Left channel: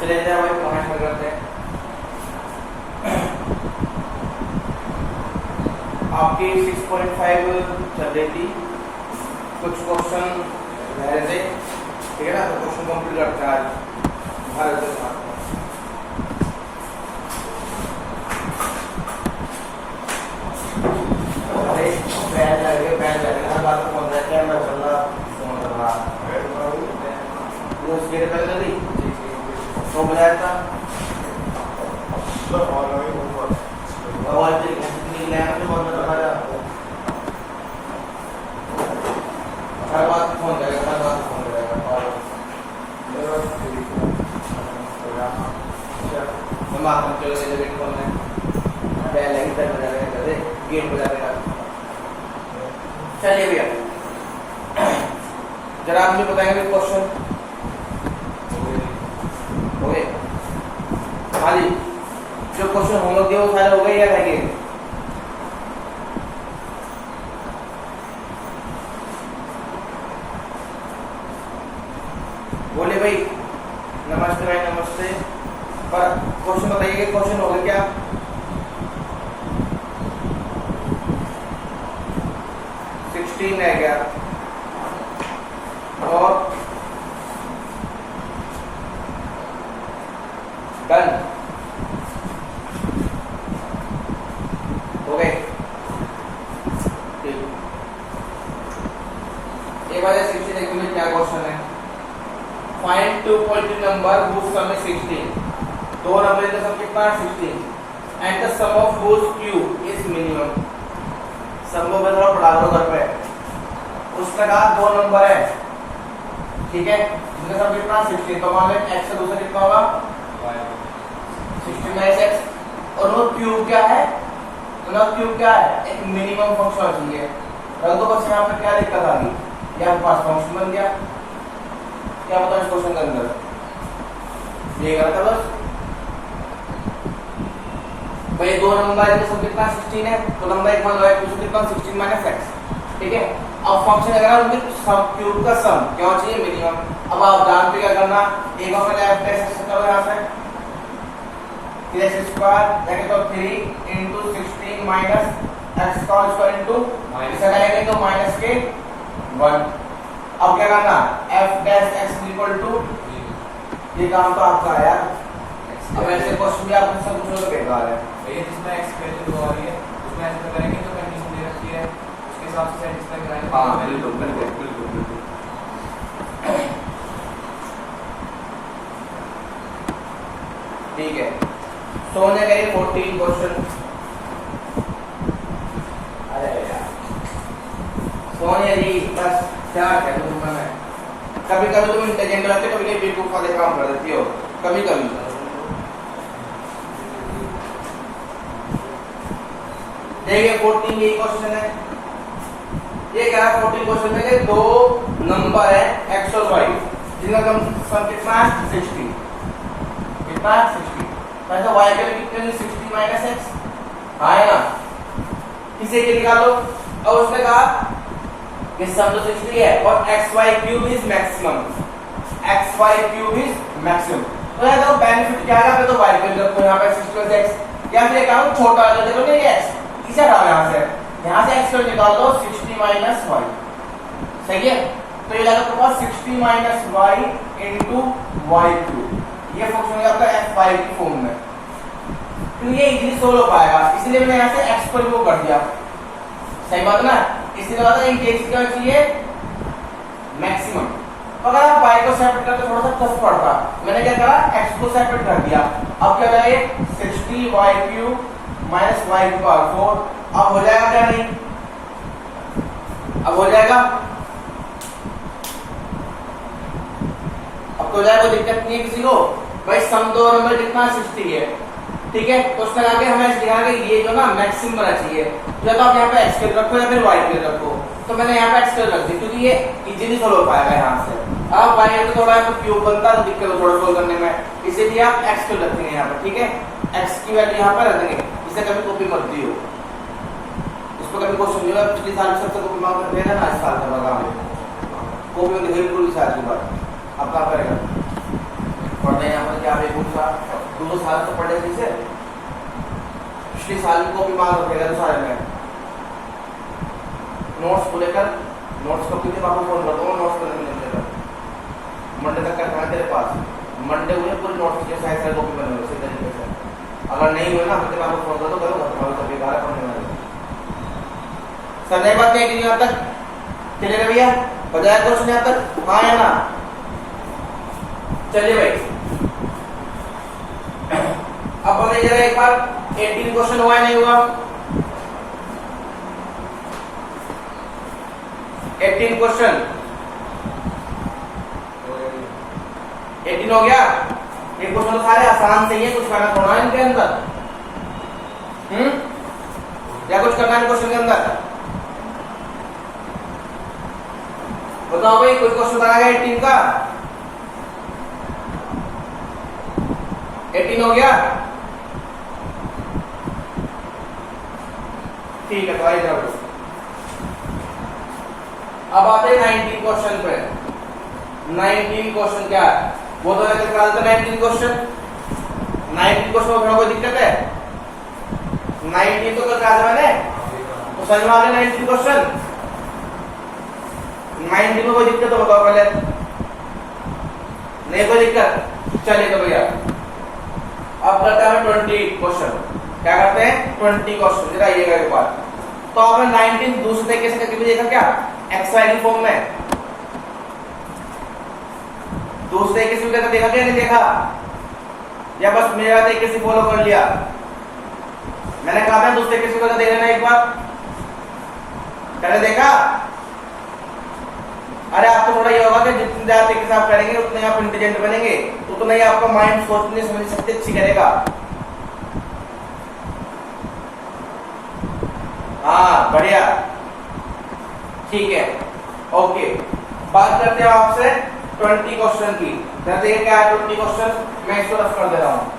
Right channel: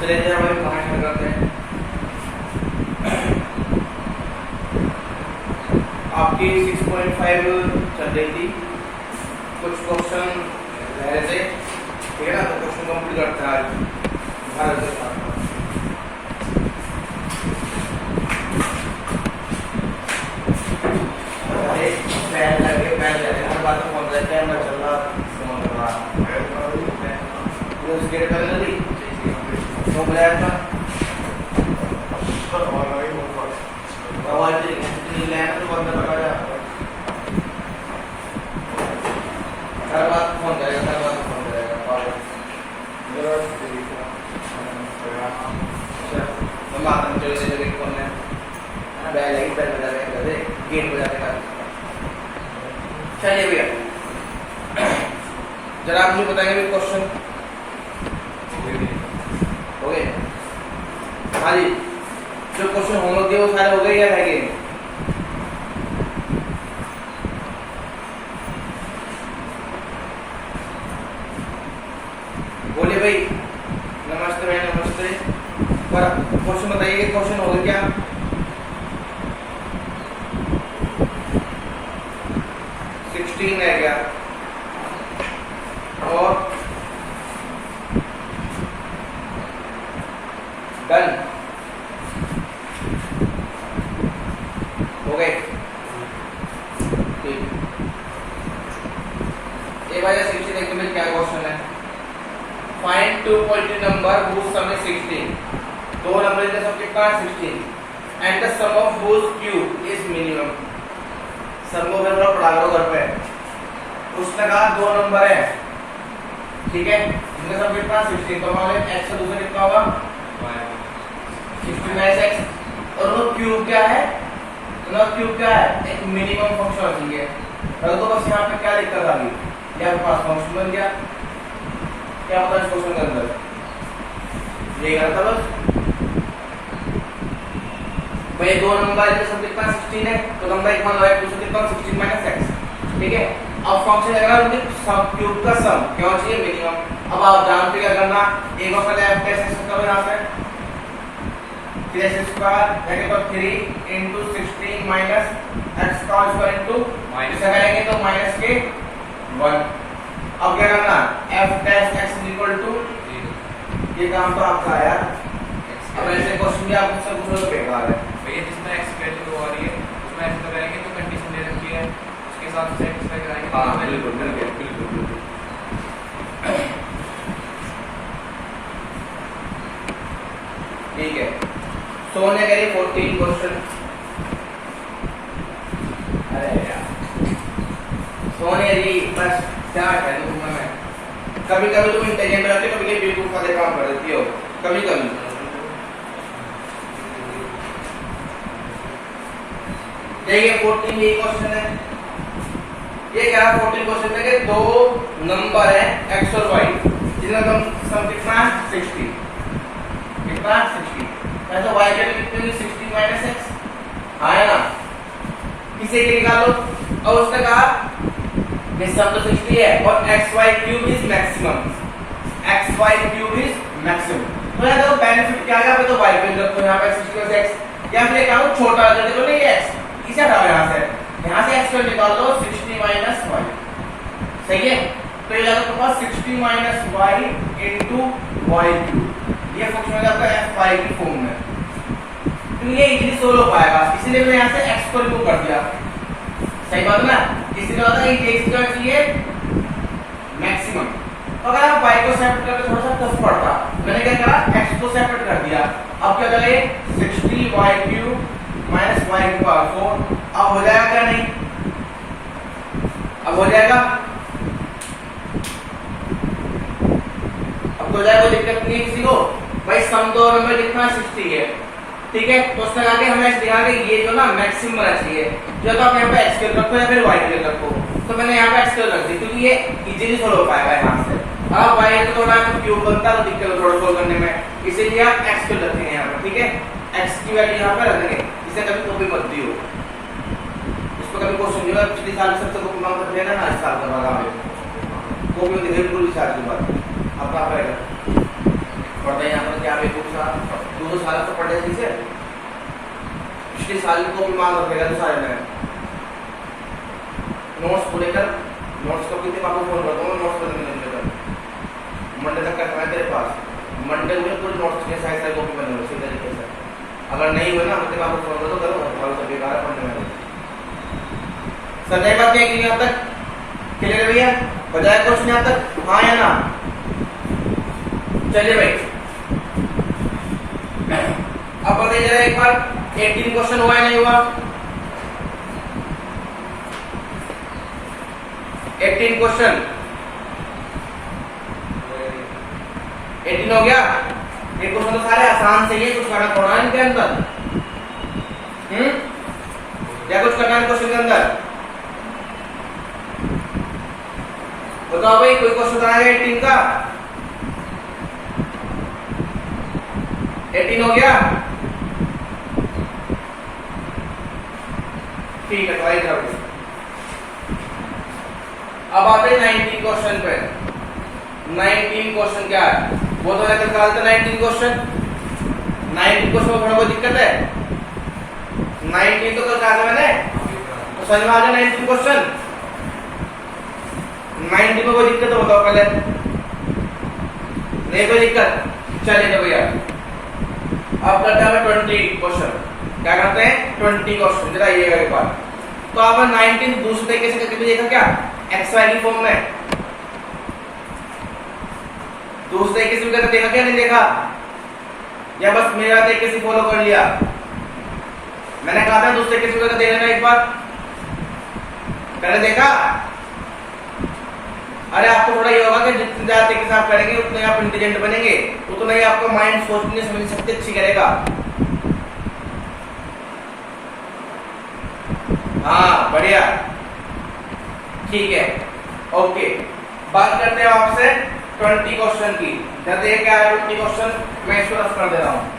चलिए हमें कमेंट करते हैं। आपकी 6.5 चल रही थी, कुछ क्वेश्चन रह रहे थे, ठीक है ना। तो क्वेश्चन कंप्लीट करते हैं आज भारत के साथ। पहले लगे हर बात को बोल रहे थे, मैं चल रहा फोन कर रहा वो उसके पहले जल्दी हो गया था आवाज नहीं लेना तो बंद कर जा। हर बात फोन करेगा, हर बात फोन करेगा और हम बात हम चलो से जगह फोन है पहले ही पर बजा रहे थे, गेट बजा रहे थे। चलिए भैया जरा आप मुझे बताएंगे क्वेश्चन हो गए? हाँ जी, जो क्वेश्चन होमवर्क दिए वो सारे हो गए या रह गए? बोले भाई नमस्ते भाई नमस्ते। पर क्वेश्चन बताइए, क्वेश्चन हो गए क्या? है क्या और डन हो गए। ये वाला 16 देखो में क्या क्वेश्चन है। Find 2 positive number whose sum is 16। दो नंबर का सम कितना है 16 and the sum of whose cube is minimum। Sum को मैं थोड़ा पढ़ा रहा हूं घर पे। उसने कहा दो नंबर है, ठीक है, जिनका सम कितना 16, तो मान लें x का दूसरा कितना होगा 16x और वो क्यूब क्या है, मतलब क्यूब क्या है, एक मिनिमम फंक्शन होना चाहिए। तो बस यहाँ पे क्या दिक्कत आ गई, यहाँ पे पास फंक्शन बन गया। क्या होता है इस क्वेश्चन के अंदर ये करा था बस भाई दो नंबर का सम कितना 16 है, तो नंबर एक मान लो दूसरा कितना 16 - x, ठीक है। अब फंक्शन अगर उनके सम क्यूब का सम क्या चाहिए मिनिमम। अब आप जानते क्या करना, एक बार पहले f कैसे सकता है यहां से 3x स्क्वायर जाके तो 3 into 16 minus x square into इसे करेंगे तो माइनस के 1। अब क्या करना f dash x equal to ये काम तो आपका है यार। अब ऐसे क्वेश्चन भी आपको सब कुछ तो बेकार है भैया, जिसमें x वैल्यू हो रही है उसमें ऐसे करेंगे तो कंडीशन दे रखी है उसके हिसाब से सेटिस्फाई कराएंगे। हां बिल्कुल बिल्कुल। ठीक है, सो ने करी 14 क्वेश्चन। अरे यार सोने री बस क्या करूंगा मैं। कभी कभी तुम इंटेलिजेंट रहते हो, कभी बेवकूफ वाले काम कर देती हो कभी कभी। देखिए 14 ये क्वेश्चन है, ये क्या 14 क्वेश्चन में के दो नंबर है x और y जिनका सम कितना है 60, कितना 60, मतलब y का कितना 60 - x आएगा, इसे के निकालो। और उसने कहा कि सम तो 60 है और xy cube is maximum, xy cube is maximum. तो यहां देखो बेनिफिट क्या है, तो y वैल्यू रखो यहां पे 60 - x, या फिर क्या हो छोटा कर दे तो नहीं x इसे हटाओ यहां से x को निकाल दो 60 - y, सही है। तो ये आपके पास 60 - y into y क्यूब, ये फंक्शन हो जाता है fy की फॉर्म में। तो ये इजीली सोल्व हो पाएगा, इसलिए मैंने यहां से x को रिमूव कर दिया, सही बात ना। इसलिए होता है कि x क्या चाहिए मैक्सिमम। तो अगर आप y को सेपरेट करके थोड़ा सा कष्ट पड़ता, मैंने क्या करा x को सेपरेट कर दिया। अब क्या करेंगे 60y क्यूब माइनस y की पावर 4। अब हो जाएगा क्या नहीं, अब हो जाएगा, अब हो जाएगा, दिक्कत नहीं है किसी को। भाई सम दो नंबर कितना 60 है, ठीक है। तो उसके आगे हमें दिखा कि ये जो ना मैक्सिमम रहना चाहिए, जो तो आप यहाँ पे x रखो या फिर y रखो। तो मैंने यहाँ पे x रख दी क्योंकि ये इजीली सोल्व हो पाएगा यहाँ से। अब y तो थोड़ा क्यूब बनता है, दिक्कत थोड़ा सोल्व करने में, इसीलिए आप x रखेंगे यहाँ पे, ठीक है। x की वैल्यू यहाँ पर रख देंगे, इसे कभी कॉपी मत दियो, इसको कभी क्वेश्चन नहीं होगा। पिछले साल सब तो कॉपी मांग कर देना ना, इस साल का बाद कॉपी में बिल्कुल इस साल के बाद अपना पड़ेगा। और यहाँ पर क्या बेवकूफ सा 2 साल से पढ़े जिसे पिछले साल को भी मान रखेगा सारे में नोट्स को लेकर नोट्स को कितने आपको फोन करता हूँ नोट्स को लेकर मंडे तक का तेरे पास मंडे में पूरे नोट्स में साइज साइज कॉपी बनेंगे उसी तरीके से अगर नहीं हुए ना मंडे आपको फोन करो करो और सब बेकार है पढ़ने में सर नई बात नहीं की यहाँ तक क्लियर है भैया बजाय क्वेश्चन यहाँ तक हाँ या ना चलिए भाई अब बताइए जरा एक बार 18 क्वेश्चन हुआ है नहीं हुआ 18 क्वेश्चन 18 हो गया ये क्वेश्चन तो सारे आसान से ही है कुछ करना थोड़ा है इनके अंदर या कुछ करना है क्वेश्चन के अंदर बताओ भाई कोई क्वेश्चन बनाएगा 18 का 18 हो गया ठीक है तो आइए जरूर अब आते हैं 19 क्वेश्चन पे 19 क्वेश्चन क्या है वो तो लेकर निकालते 19 क्वेश्चन 19 क्वेश्चन में थोड़ा कोई दिक्कत है 19 तो कल कहा था मैंने तो समझ में आ गया 19 क्वेश्चन 19 में कोई दिक्कत हो बताओ पहले नहीं कोई दिक्कत चलेगा भैया अब करते हैं 20 क्वेश्चन क्या करते हैं 20 क्वेश्चन जरा ये एक बार तो आपने 19 दूसरे तरीके से करके देखा क्या एक्सवाई की फॉर्म में दूसरे तरीके से करके देखा क्या नहीं देखा या बस मेरा तरीके से फॉलो कर लिया मैंने कहा था दूसरे तरीके से करके देखना एक बार पहले देखा अरे आपको थोड़ा ये होगा कि जितने ज्यादा तरीके से आप करेंगे उतने आप इंटेलिजेंट बनेंगे उतना ही आपका माइंड सोचने समझ सकते अच्छी करेगा हाँ बढ़िया ठीक है ओके बात करते हैं आपसे 20 क्वेश्चन की जैसे क्या है 20 क्वेश्चन मैं इसको रफ कर दे रहा हूं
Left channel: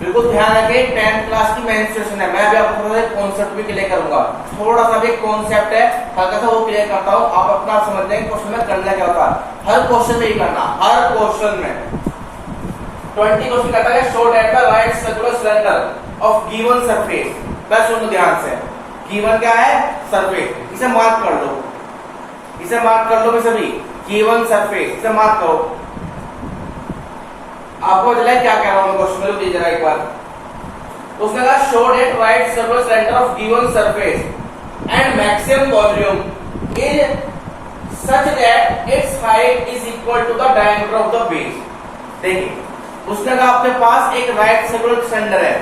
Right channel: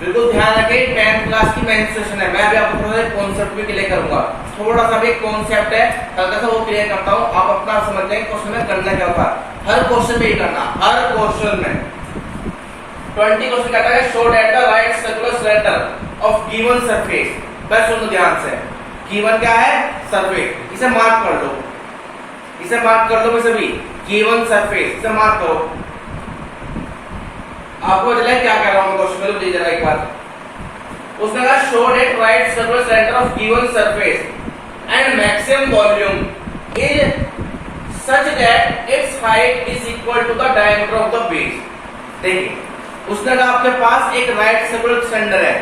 बिल्कुल ध्यान रखें 10th क्लास की मेन सेशन है मैं अभी आपको थोड़ा सा कॉन्सेप्ट भी क्लियर करूंगा थोड़ा सा भी कॉन्सेप्ट है हल्का सा वो क्लियर करता हूं आप अपना समझते हैं क्वेश्चन में करना क्या था हर क्वेश्चन में ही करना हर क्वेश्चन में 20 क्वेश्चन कहता है show that the right circular cylinder of given surface बस सुनो ध्यान से गिवन क्या है सरफेस इसे मार्क कर लो इसे भी गिवन सरफेस इसे मार्क करो आपको चला क्या कह रहा हूं क्वेश्चन में प्लीज जरा एक बार उसने कहा show that right circular cylinder of given surface and maximum volume is such that its height is equal to the diameter of the base देखिए उसने कहा आपके पास एक राइट सर्कुलर सिलेंडर है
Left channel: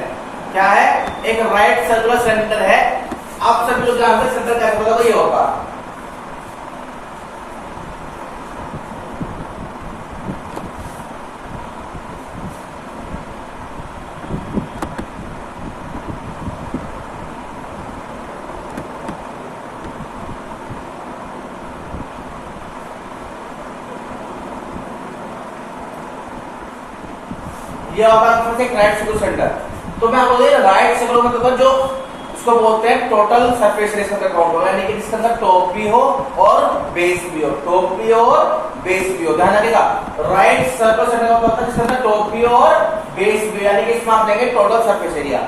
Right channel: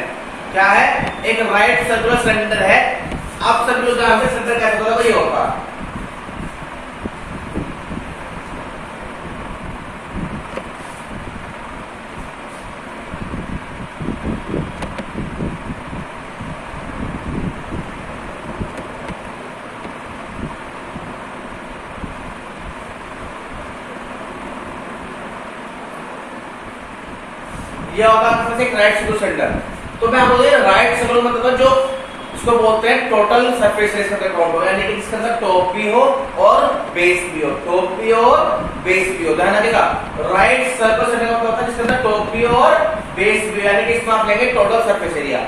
क्या है एक राइट सर्कुलर सिलेंडर है आप सब लोग जानते हैं सिलेंडर कैसे होगा तो ये होगा ये होगा एक राइट सर्कुलर सिलेंडर तो मैं आपको राइट सर्कुलर मतलब जो इसको बोलते हैं टोटल सरफेस एरिया का काउंट होगा यानी कि इसके अंदर टॉप भी हो और बेस भी हो टॉप भी हो और बेस भी हो ध्यान रखिएगा राइट सर्कुलर सिलेंडर का मतलब जिसके अंदर टॉप भी हो और बेस भी यानी कि इसमें आप लेंगे टोटल सरफेस एरिया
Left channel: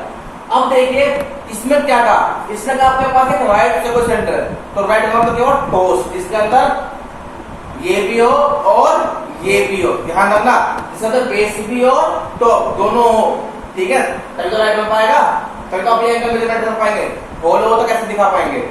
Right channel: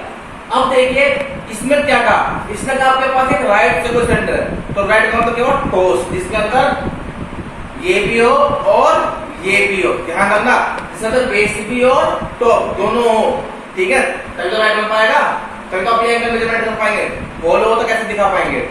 अब देखिए इसमें क्या कहा इसने कहा आपके पास एक राइट सर्कुलर सिलेंडर है तो राइट का मतलब क्या हो टॉस जिसके अंदर ये भी हो और ये भी हो ध्यान रखना इसके अंदर बेस भी हो और टॉप दोनों हो ठीक है तभी तो राइट बन पाएगा तभी तो अपने एंगल मेजरमेंट कर पाएंगे होल हो तो कैसे दिखा पाएंगे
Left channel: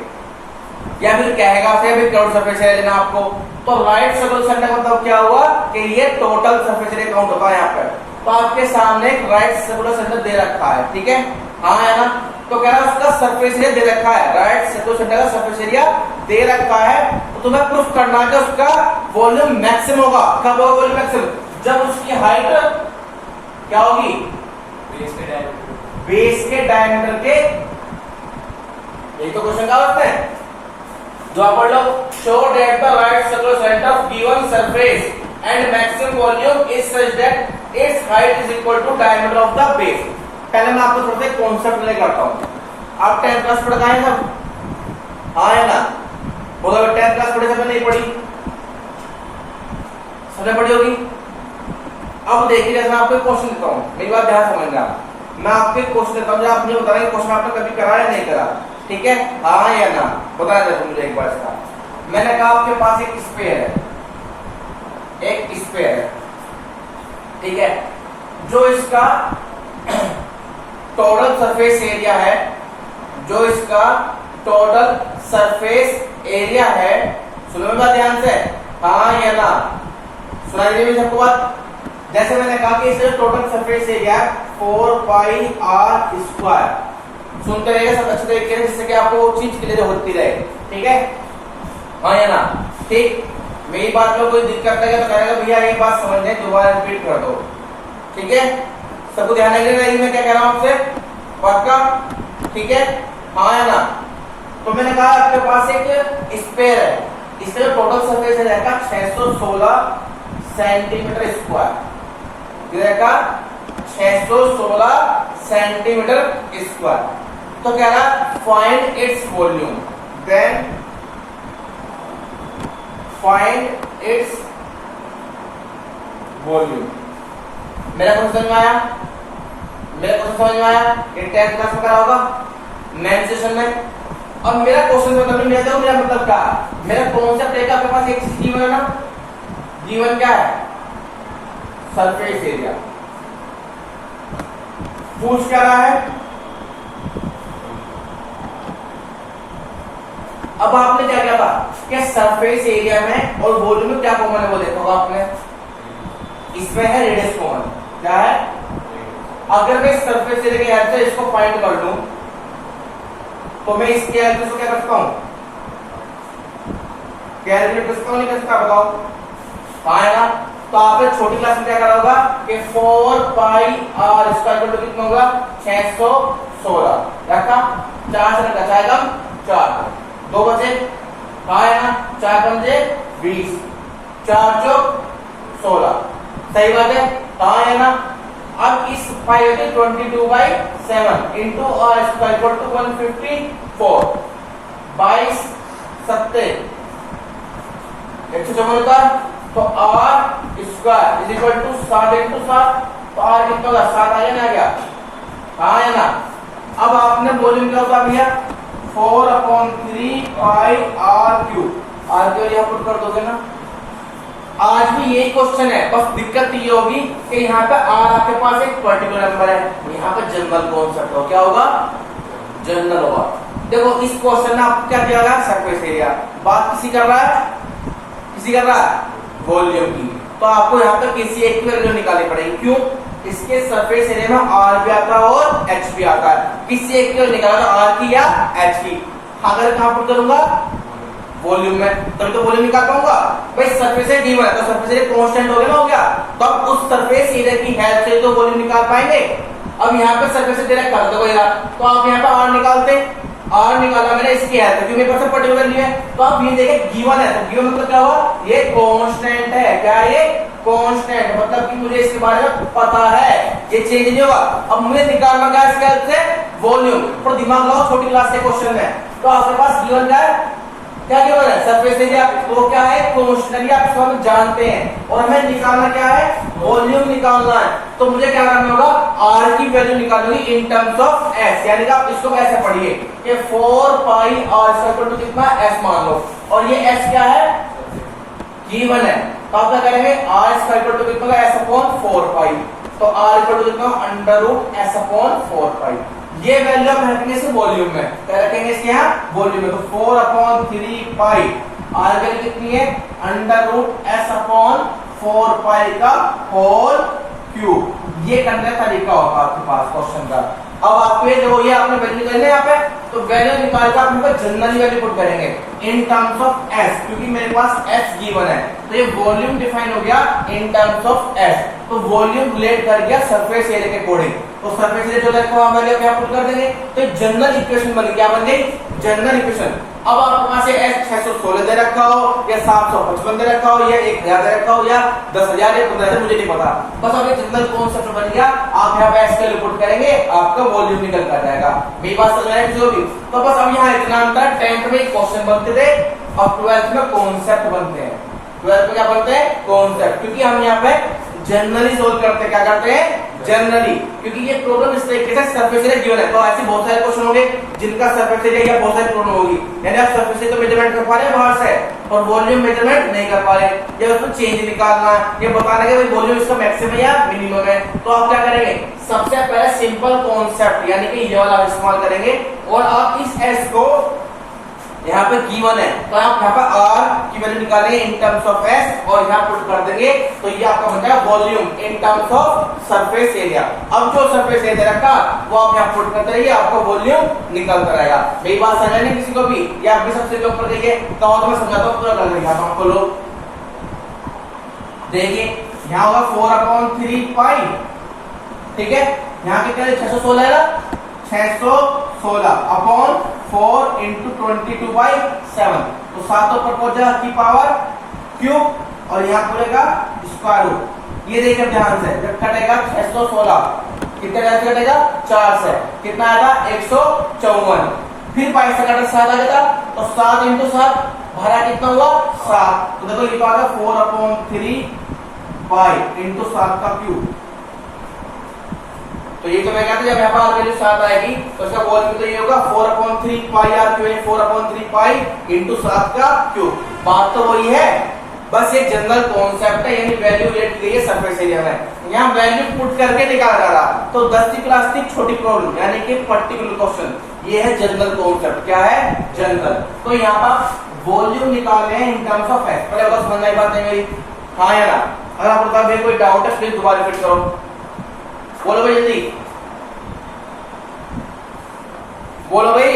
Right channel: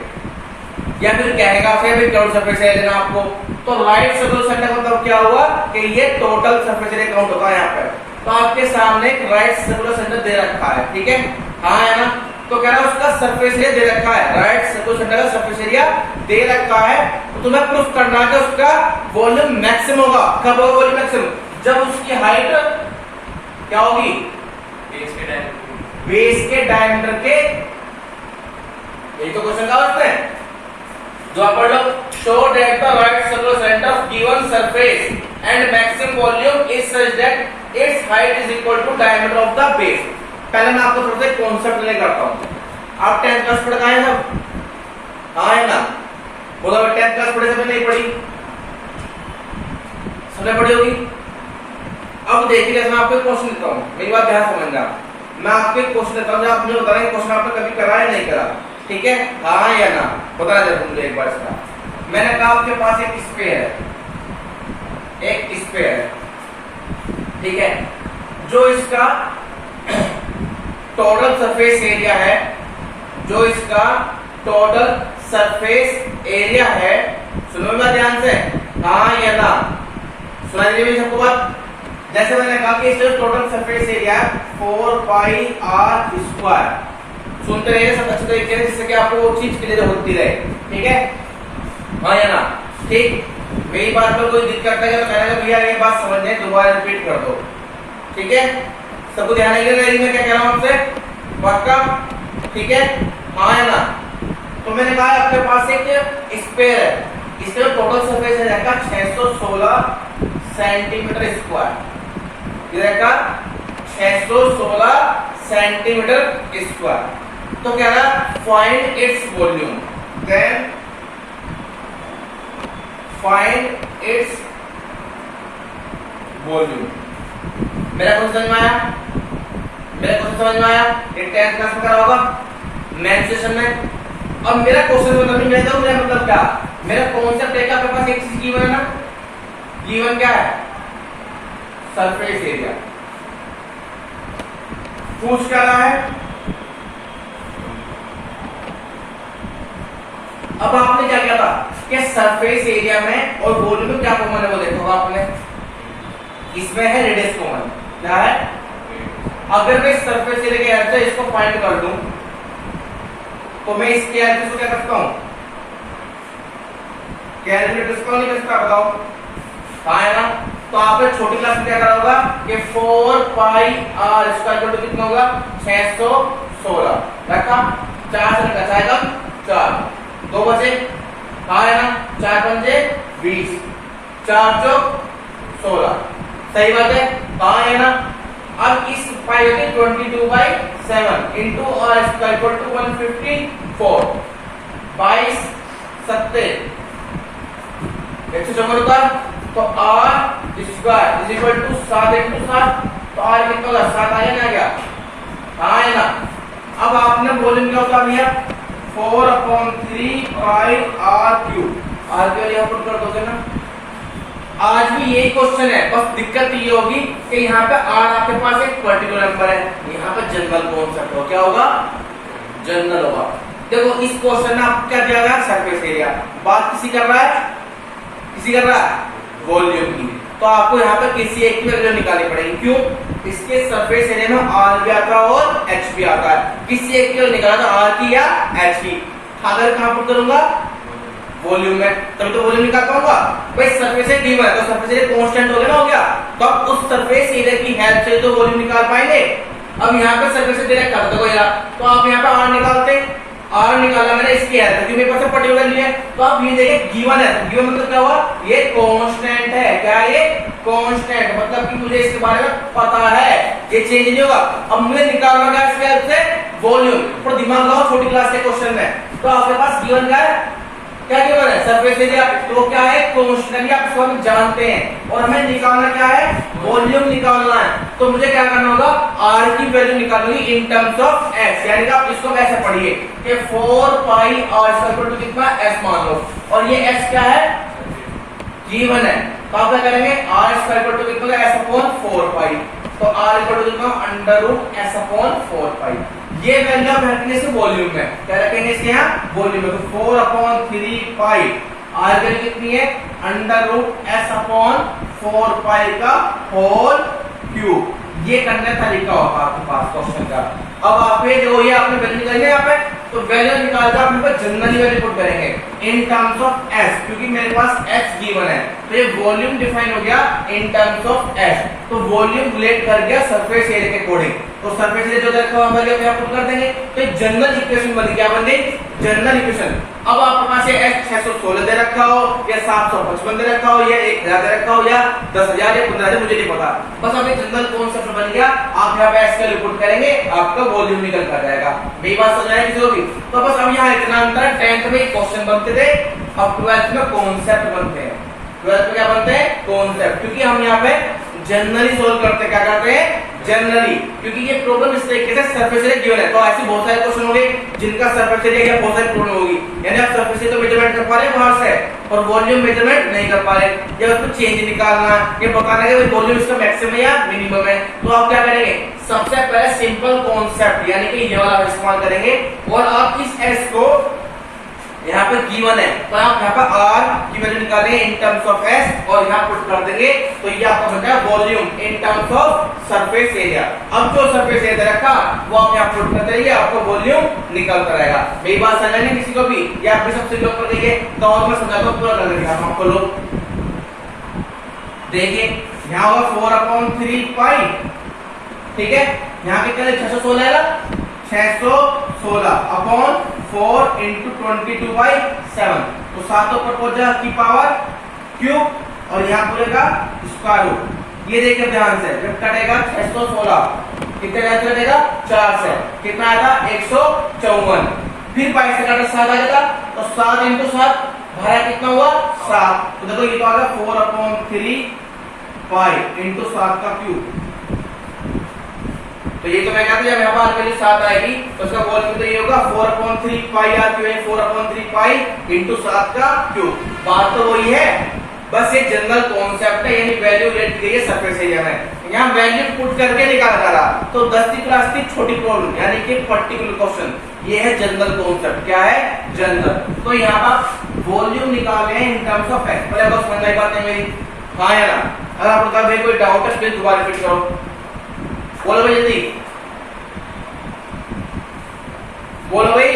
या फिर कहेगा फिर भी टोटल सरफेस एरिया देना आपको तो राइट सर्कुलर सिलेंडर मतलब क्या हुआ कि ये टोटल सरफेस एरिया काउंट होता है यहाँ पर तो आपके सामने एक राइट सर्कुलर सिलेंडर दे रखा है ठीक है हाँ है ना तो कह रहा है उसका सरफेस एरिया दे रखा है राइट सर्कुलर सिलेंडर का सरफेस एरिया दे रखा है तो तुम्हें प्रूफ करना है कि उसका वॉल्यूम मैक्सिमम होगा कब होगा वॉल्यूम मैक्सिमम जब उसकी हाइट क्या होगी बेस के डायमीटर के यही तो क्वेश्चन का अर्थ है जो आप पढ़ लो show that the right circular cylinder of given surface and maximum volume is such that its height is equal to diameter of the base पहले मैं आपको थोड़ा सा कॉन्सेप्ट ले करता हूं आप 10th क्लास पढ़ गए सब हाँ है ना बोला बड़ी, सबने बड़ी होगी। अब देखिए मैं आपको एक क्वेश्चन देता हूँ, मेरी बात ध्यान समझना। मैं आपको एक क्वेश्चन देता हूँ, जो आपने बताया क्वेश्चन आपने कभी करा या नहीं करा, ठीक है? हाँ या ना बताया जाए मुझे एक बार इसका। मैंने कहा आपके पास एक स्फीयर है, एक स्फीयर है, ठीक है? जो इसका टोटल सरफेस एरिया है, जो इसका टोटल सरफेस एरिया है, सुनो बात ध्यान से, हाँ या ना? सुनाई दे रही सबको बात? जैसे मैंने कहा कि इसका total surface area 4 pi r square, सुनते रहिएगा सब अच्छे तरीके से, जिससे कि आपको वो चीज क्लियर होती रहे, ठीक है? हाँ या ना? ठीक, मेरी बात पर कोई दिक्कत है तो कहेगा भैया ये बात समझने, दोबारा रिपीट कर दो, ठीक है? सबको ध्यान रखिएगा मैं क्या कह रहा हूं आपसे, पक्का? ठीक है, हाँ या ना? तो मैंने कहा आपके पास एक स्फीयर है, इसका टोटल सरफेस एरिया का 616 सेंटीमीटर स्क्वायर, का 616 सेंटीमीटर स्क्वायर। तो कह रहा find its volume, then find its volume. मेरा क्वेश्चन समझ में आया? मेरा क्वेश्चन समझ में आया? एक 10th क्लास में करा होगा मेन सेशन में। अब मेरा क्वेश्चन मतलब नहीं लेता हूं, मेरा मतलब क्या, मेरा कॉन्सेप्ट है कि आपके पास एक चीज गिवन है ना, गिवन क्या है? Surface area. पूछ क्या रहा है? अब आपने क्या किया था कि सरफेस एरिया में और वॉल्यूम में क्या कॉमन है वो देखा होगा आपने, इसमें है रेडियस कॉमन। क्या है? अगर मैं सरफेस एरिया के हेल्प से इसको फाइंड कर दूं तो मैं इसके हेल्प से क्या करता हूं, कैलकुलेट करता हूं, नहीं करता बताओ? हाँ है ना? तो आपने छोटी क्लास में क्या करा होगा कि 4 पाई आर स्क्वायर टू कितना होगा? 616 रखा, 4 से रखा जाएगा 4, 2 बचे, हाँ है ना? 4 पंजे 20, 4 चौक 16, सही बात है, हाँ है ना? अब इस पाई होगी 22/7 इंटू आर स्क्वायर टू 154, 22 सत्ते 154, तो r square is equal to 7 into 7, तो आर कितना होगा? 7 आया ना? क्या हाँ है ना? अब आपने वॉल्यूम क्या होता भैया? 4/3 पाई आर क्यूब, आर क्यूब यहाँ पुट कर दोगे ना? आज भी यही क्वेश्चन है, बस दिक्कत ये होगी कि यहाँ पे आर आपके पास एक पर्टिकुलर नंबर है, यहाँ पे जनरल कॉन्सेप्ट हो, क्या होगा? जनरल होगा। देखो इस क्वेश्चन में आपको क्या दिया गया? Surface area. बात किसी कर रहा है? किसी कर रहा है? वॉल्यूम की। तो आपको यहाँ पर किसी एक की वैल्यू निकालनी पड़ेगी, क्यों? इसके सरफेस एरिया में आर भी आता है और एच भी आता है, किसी एक की वैल्यू निकाला था, आर की या एच की। अगर कहां पुट करूंगा? वॉल्यूम में, तभी तो वॉल्यूम निकाल पाऊंगा। भाई सरफेस एरिया गिवन है तो सरफेस एरिया कांस्टेंट हो गया ना, हो गया, तो अब उस सरफेस एरिया की हेल्प से तो वॉल्यूम निकाल पाएंगे। अब यहाँ पे सरफेस एरिया कर दो यार, तो आप यहाँ पे आर निकालते, आर निकाला मैंने इसकी है क्योंकि मेरे पास पर्टिकुलर नहीं है, तो आप ये देखें गिवन है, तो गिवन मतलब क्या हुआ? ये कांस्टेंट है। क्या है ये? कांस्टेंट, मतलब कि मुझे इसके बारे में पता है, ये चेंज नहीं होगा। अब मुझे निकालना क्या है इसके हेल्प से? वॉल्यूम। पर दिमाग लगाओ छोटी क्लास के क्वेश्चन में, तो आपके पास गिवन क्या है? क्या गिवन है? Surface area. तो क्या है? कांस्टेंट, आप इसको हम जानते हैं, और हमें निकालना क्या है? वॉल्यूम निकालना है। तो मुझे क्या करना होगा? आर की वैल्यू निकालनी इन टर्म्स ऑफ एस, यानी कि आप इसको कैसे पढ़िए कि 4 पाई आर स्क्वायर टू कितना? एस मान लो, और ये एस क्या है? गिवन है, तो आप क्या करेंगे? आर स्क्वायर टू कितना? एस अपॉन 4 पाई, तो आर इक्वल टू कितना? अंडर रूट एस अपॉन 4 पाई। ये वैल्यू आप रखेंगे इसे वॉल्यूम में, क्या रखेंगे इसके यहाँ? वॉल्यूम में। तो 4/3 पाई, आर वैल्यू कितनी है? अंडर रूट एस अपॉन 4 पाई का होल क्यूब। ये करने का तरीका होगा आपके पास क्वेश्चन का। अब आप ये जो ये आपने वैल्यू निकालेंगे यहाँ पे, तो वैल्यू निकालकर आप यहाँ पे जनरली वैल्यू पुट करेंगे इन टर्म्स ऑफ एस, क्योंकि मेरे पास एस गिवन है, तो ये वॉल्यूम डिफाइन हो गया इन टर्म्स ऑफ एस। तो वॉल्यूम रिलेट कर गया सरफेस एरिया के अकॉर्डिंग, तो सरफेस एरिया जो रखा हुआ वैल्यू यहाँ पुट कर देंगे, तो जनरल इक्वेशन बन गई, क्या बन गई जनरल इक्वेशन। अब आपके पास ये S616 दे रखा हो या 755 दे रखा हो या 1000 दे रखा हो या 10,000 या 15,000, मुझे नहीं पता, बस अब ये जनरल कॉन्सेप्ट बन गया। आप यहाँ पे S का पुट करेंगे, आपका वॉल्यूम निकल कर जाएगा। मेरी बात समझ रहे हैं किसी को भी? तो बस अब यहाँ इतना अंतर, 10th में क्वेश्चन बनते थे, अब 12th में कॉन्सेप्ट बनते हैं। 12th में क्या बनते हैं कॉन्सेप्ट, क्योंकि हम यहाँ पे जनरली सोल्व करते हैं, क्या करते हैं जनरली, क्योंकि ये प्रॉब्लम इस तरीके से सरफेस एरिया गिवन है, तो ऐसे बहुत सारे क्वेश्चन होंगे जिनका सरफेस एरिया या बहुत सारी प्रॉब्लम होगी, यानी आप सरफेस एरिया को मेजरमेंट कर पा रहे हैं बाहर से और वॉल्यूम मेजरमेंट नहीं कर पा रहे, या उसमें चेंज निकालना है, ये बताना है कि वॉल्यूम इसका मैक्सिमम है या मिनिमम है, तो आप क्या करेंगे सबसे पहले सिंपल कॉन्सेप्ट यानी कि ये वाला इस्तेमाल करेंगे, और आप इस एस को यहाँ पे गिवन है तो आप यहाँ पे आर की वैल्यू निकालेंगे इन टर्म्स ऑफ एस और यहाँ पुट कर देंगे, तो ये आपका बनता है volume in terms of surface area. अब जो सरफेस एरिया रखा वो आप यहाँ पुट करते रहिए, आपको वॉल्यूम निकलता रहेगा। मेरी बात समझ नहीं किसी को भी, या आप भी सबसे जो ऊपर देखिए तो और मैं समझाता हूँ पूरा कर देंगे आपको लोग। देखिए यहाँ होगा 4/3 पाई, ठीक है, यहाँ कितना 616 है ना, 616 अपॉन 4 इंटू 22/7, तो 7 ऊपर पहुंच जाएगा की पावर क्यूब और यहाँ पूरे का स्क्वायर रूट। ये देखिए ध्यान से, जब कटेगा 616 कितने से कटेगा 4 से, कितना आएगा 154, फिर पाई से काटा 7 आ जाएगा, तो 7 इंटू 7 भरा कितना हुआ 7, तो देखो ये तो आ गया 4/3 पाई इंटू 7 का क्यूब। तो ये तो मैं कहता हूं जब यहाँ पर वैल्यू 7 आएगी तो उसका वॉल्यूम तो ये होगा 4/3 पाई आर क्यूब, 4/3 पाई इंटू 7 का क्यूब। बात तो वही है, बस ये जनरल कॉन्सेप्ट है, यानी वैल्यू लेट की गई है सरफेस एरिया में, यहाँ वैल्यू पुट करके निकाला जा रहा। तो 10वीं क्लास की छोटी प्रॉब्लम यानी कि पर्टिकुलर क्वेश्चन, ये है जनरल कॉन्सेप्ट। क्या है जनरल, तो यहाँ पर वॉल्यूम निकाले हैं इन टर्म्स ऑफ एस। पहले बस समझ आई बात है मेरी, हाँ या ना? अगर आपको भाई कोई डाउट है प्लीज दोबारा रिपीट करो, बोलो भाई जल्दी बोलो भाई।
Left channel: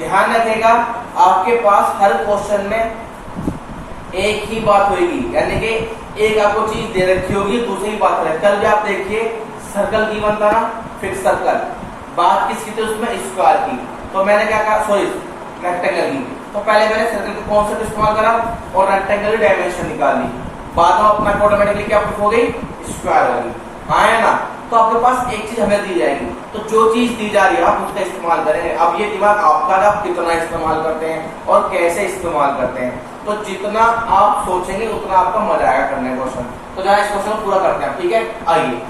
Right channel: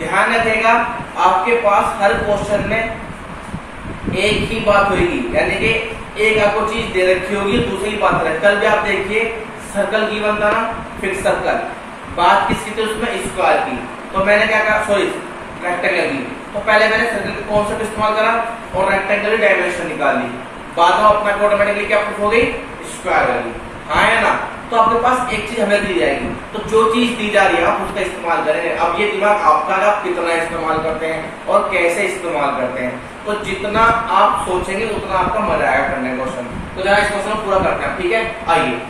ध्यान रखिएगा आपके पास हर क्वेश्चन में एक ही बात होगी, यानी कि एक आपको चीज दे रखी होगी, दूसरी बात रहे। तब आप देखिए सर्कल की बनता ना, फिर सर्कल बात किसकी थी उसमें स्क्वायर की, तो मैंने क्या कहा सॉरी रेक्टेंगल की, तो पहले मैंने सर्कल के कॉन्सेप्ट इस्तेमाल करा और रेक्टेंगल की डायमेंशन निकाल ली, बाद में अपना ऑटोमेटिकली क्या हो गई स्क्वायर वाली, हाँ है ना? तो आपके पास एक चीज हमें दी जाएगी, तो जो चीज दी जा रही है आप उसका इस्तेमाल करेंगे। अब ये दिमाग आपका है, आप कितना इस्तेमाल करते हैं और कैसे इस्तेमाल करते हैं, तो जितना आप सोचेंगे उतना आपका मजा आएगा करने का क्वेश्चन। तो जरा इस क्वेश्चन को पूरा करते हैं, ठीक है? आइए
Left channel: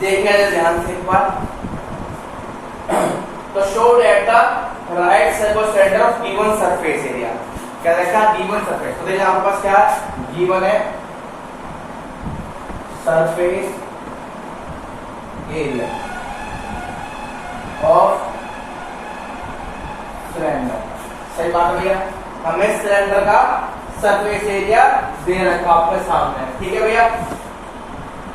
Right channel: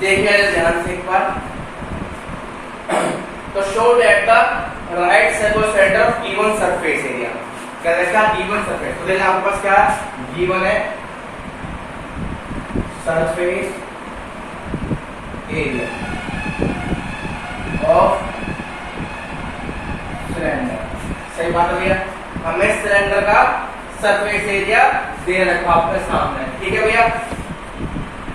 देखिए ध्यान से एक बार, तो show that the right circular centre of given surface area, क्या देखा गिवन सरफेस, तो देखिए आपके पास क्या गिवन है सरफेस एरिया ऑफ सिलेंडर, सही बात है भैया, हमें सिलेंडर का सरफेस एरिया दे रखा आपके सामने, ठीक है भैया?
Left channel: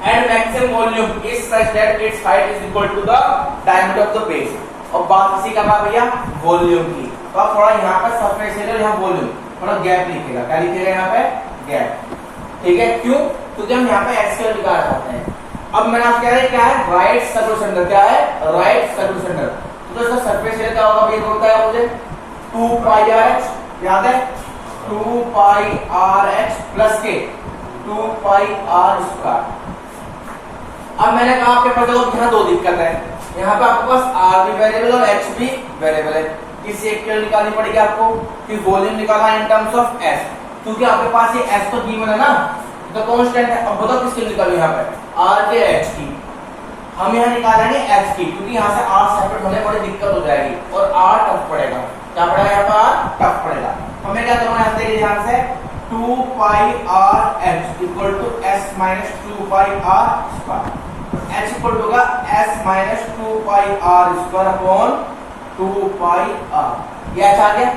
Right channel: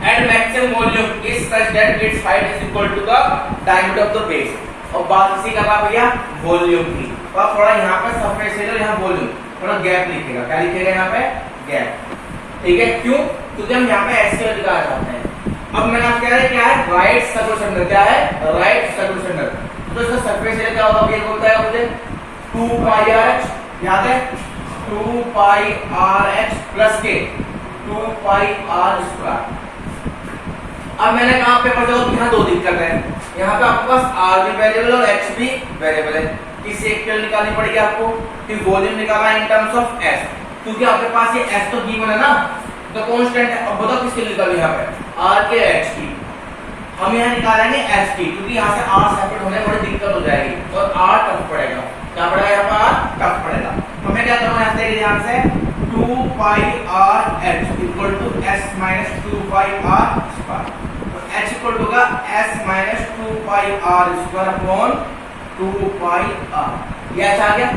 And maximum volume is such that its height is equal to the diameter of the base। और बात इसी का था भैया वॉल्यूम की, तो आप थोड़ा यहाँ पे सरफेस एरिया यहाँ वॉल्यूम थोड़ा गैप लिखेगा, क्या लिखेगा यहाँ पे गैप, ठीक है? क्यों? क्योंकि हम यहाँ पे एक्स के निकालना चाहते हैं। अब मैंने आपको कह रहा है क्या है राइट सर्कुलर सेंटर, क्या है राइट सर्कुलर सेंटर, तो इसका सरफेस एरिया क्या होगा भैया होता है मुझे 2πr(h), याद है 2πr(h) प्लस के 2πr²। अब मैंने कहा पेपर देखो यहाँ दो दिक्कत है, यहाँ पे आपके पास r भी वेरिएबल और h भी वेरिएबल है, किसी एक वैल्यू निकालनी पड़ेगी आपको, कि वॉल्यूम निकालना इन टर्म्स ऑफ s, क्योंकि आपके पास ये s तो गिवन है ना, तो कांस्टेंट है। अब बताओ किसकी निकाली यहाँ पे r के h की, हम यहाँ निकालेंगे h की, क्योंकि यहाँ से r सेपरेट होने में बड़ी दिक्कत हो जाएगी और r टफ पड़ेगा, क्या पड़ेगा यहाँ पर r टफ पड़ेगा। हमें क्या करना है देखिए ध्यान से 2 pi r h equal to s minus 2 pi r square. H equal to का s minus 2 pi r square upon 2 pi r. ये एच आ गया,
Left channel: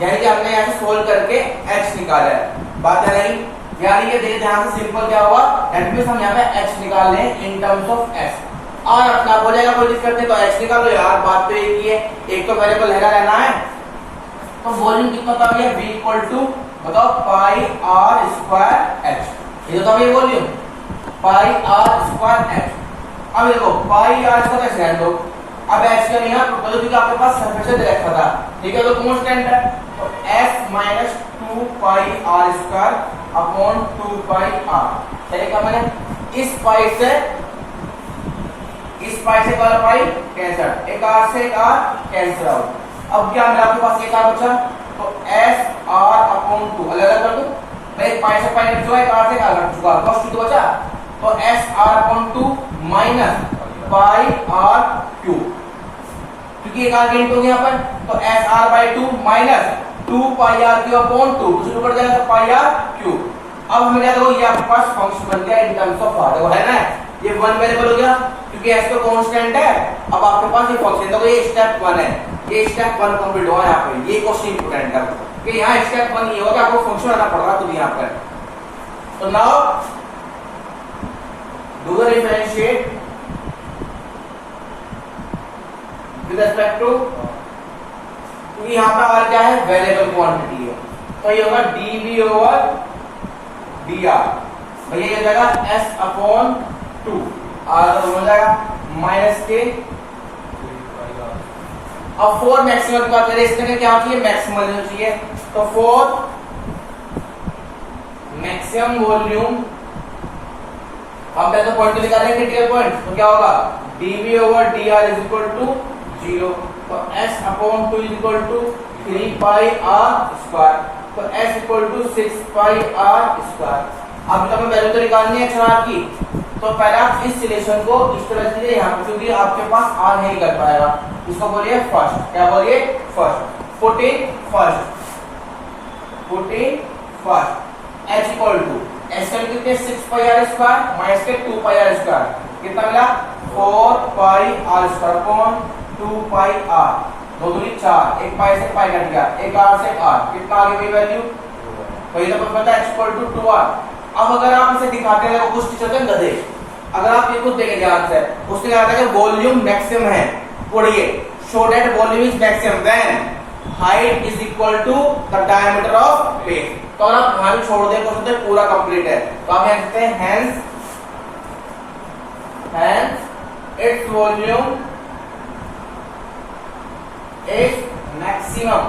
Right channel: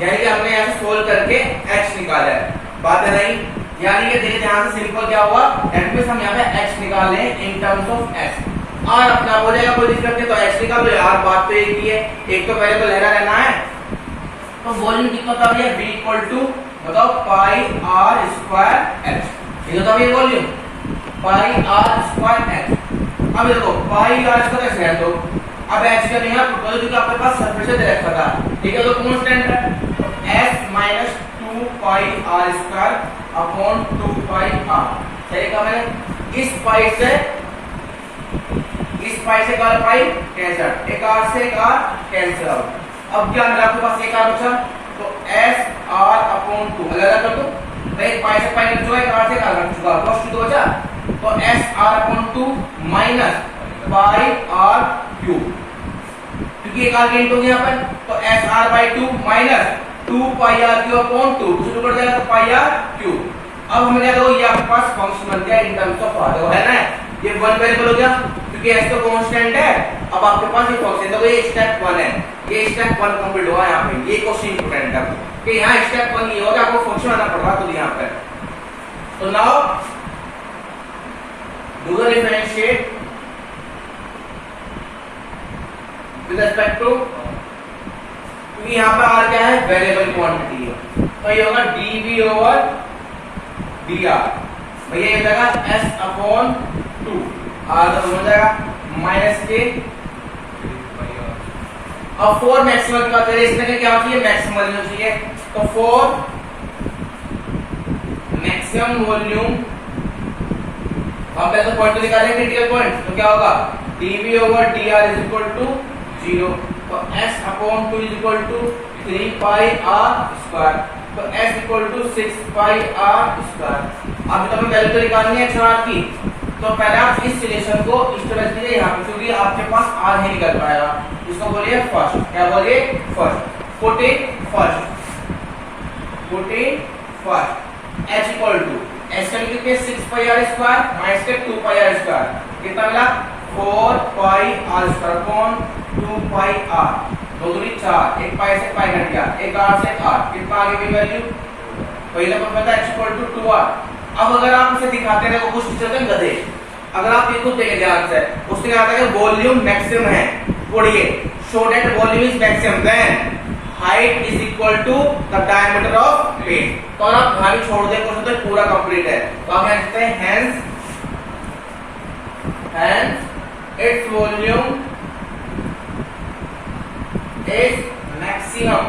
यानी कि हमने यहाँ से सोल्व करके एच निकाला है। बात है नहीं, यानी कि देखिए यहाँ से सिंपल क्या हुआ, दैट मींस हम यहाँ पे एच निकाल रहे हैं in terms of s. R अपना आप हो जाएगा, कोई दिक्कत नहीं, तो एच निकालो यार, बात तो एक ही है, एक तो पहले को लहरा रहना है। तो वॉल्यूम कितना था भैया, v इक्वल टू बताओ पाई आर स्क्वायर एच। ये तो ये volume pi r square h. अब देखो पाई आर स्क्वायर एच है, तो अब एच का यहाँ क्योंकि आपके पास सरफेस दे रखा था, ठीक है, तो कांस्टेंट है, तो s minus 2 pi r square upon 2 pi r. सही कहा मैंने। इस पाई से वाला पाई कैंसिल, एक आर से एक आर कैंसिल आउट। अब क्या मेरे आपके पास एक आर बचा, तो एस आर अपॉन 2 अलग अलग कर दो भाई, पाई से पाई कट चुका, एक आर से एक आर कट चुका, बस 2 बचा, तो s r upon 2 minus pi r cube, क्योंकि एक आर गेंट हो गया पर, तो s r by 2 minus 2 pi r cube upon 2, शुरू कर जाएगा पाई आर क्यूब। अब हमें क्या देखो, ये आपके पास फंक्शन बन गया इन टर्म्स ऑफ आर, देखो है ना, ये वन वेरिएबल हो गया क्योंकि एस तो कांस्टेंट है। अब आपके पास ये फंक्शन, देखो ये स्टेप 1 है, ये स्टेप 1 कंप्लीट हुआ यहाँ पे, ये क्वेश्चन इंपोर्टेंट है कि यहाँ स्टेप 1 ये होगा, आपको फंक्शन आना पड़ रहा तो यहाँ पर। तो now do the differentiate with respect to, क्योंकि यहाँ पर आर क्या है, वेरिएबल क्वांटिटी है, तो ये होगा dv ओवर dr, भैया ये जाएगा s अपॉन 2, आर तो हो जाएगा माइनस के। अब 4 मैक्सिमम की बात करें, इसमें क्या चाहिए, मैक्सिमम वॉल्यूम चाहिए, तो 4 मैक्सिमम वॉल्यूम, हम पहले तो पॉइंट निकालेंगे रियल पॉइंट, तो क्या होगा dv over dr is equal to 0, तो s upon 2 is equal to 3 pi r square, तो s equal to 6 pi r square. अब तो हमें वैल्यू तो निकालनी है x की, तो पहले आप इस रिलेशन को स्टेबल कीजिए यहाँ पे, क्योंकि आपके पास r नहीं निकल पाएगा, इसको बोलिए फर्स्ट, क्या बोलिए first, put in first h equal to s का कितने 6 पाई r स्क्वायर माइनस के 2 पाई r स्क्वायर, कितना मिला 4 पाई r स्क्वायर अपॉन 2 पाई r, 2 दूनी 4, एक पाई से पाई कट गया, एक r से r, कितना आ गई वैल्यू, तो ये तो पता है x इक्वल टू 2r। अब अगर आप इसे दिखाते हैं, कुछ टीचर के गधे, अगर आप ये खुद देखें ध्यान से, उसने कहा था कि वॉल्यूम मैक्सिमम है, पढ़िए show that volume is maximum then height is equal to the diameter of page. तो अगर आप कहानी छोड़ दें क्वेश्चन तो पूरा कंप्लीट है, तो आप यहाँ लिखते हैं hence its volume is maximum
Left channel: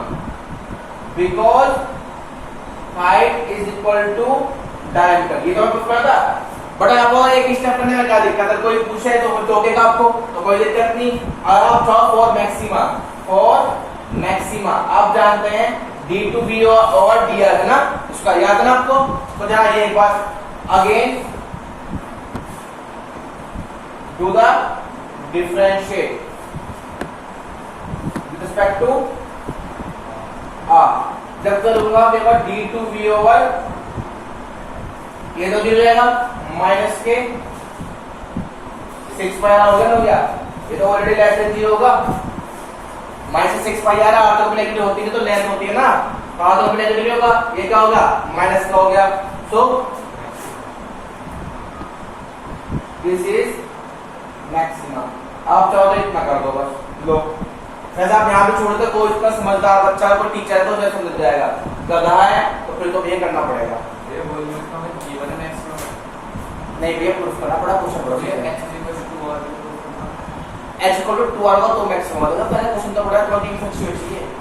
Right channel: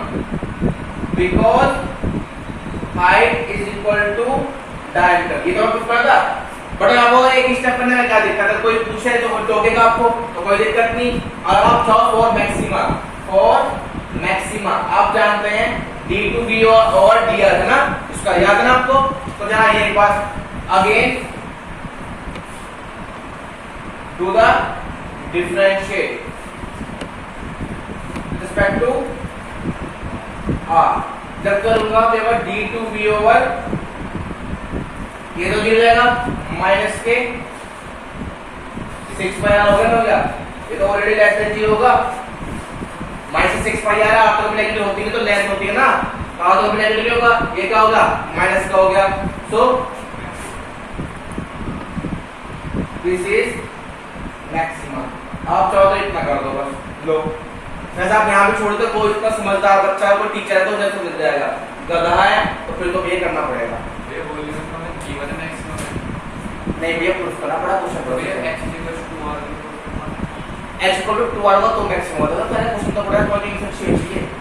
because height is equal to diameter। ये तो आपको पता था, बट आप और एक स्टेप करने में क्या दिक्कत है, कोई पूछे तो टोकेगा आपको, तो कोई दिक्कत नहीं। और आप चाहो फॉर मैक्सिमा आप जानते हैं d2v और dr है ना, उसका याद है ना आपको, तो जरा ये एक बार again do the differentiate with respect to r। जब करूंगा तो एक d2v ओवर, ये तो 0 जाएगा, माइनस के 6 पाई आर हो गया ना भैया, ये तो ऑलरेडी लेस देन 0 होगा, माइनस 6 पाई आर आर तो नेगेटिव होती है, तो लेस होती है ना, आर तो नेगेटिव होगा, ये क्या होगा माइनस का हो गया, सो दिस इज मैक्सिमम। आप चाहो तो इतना कर दो बस, लो वैसे आप यहाँ पे छोड़ दो, कोई इतना समझदार बच्चा है, कोई टीचर है तो जैसे मिल जाएगा, गधा है तो फिर तो ये करना पड़ेगा, नहीं भैया प्रूफ करना पड़ा, क्वेश्चन पढ़ो h इक्वल टू 2r होगा तो मैक्सिमम होगा, तो पहले क्वेश्चन तो पढ़ा है, कोई नहीं चाहिए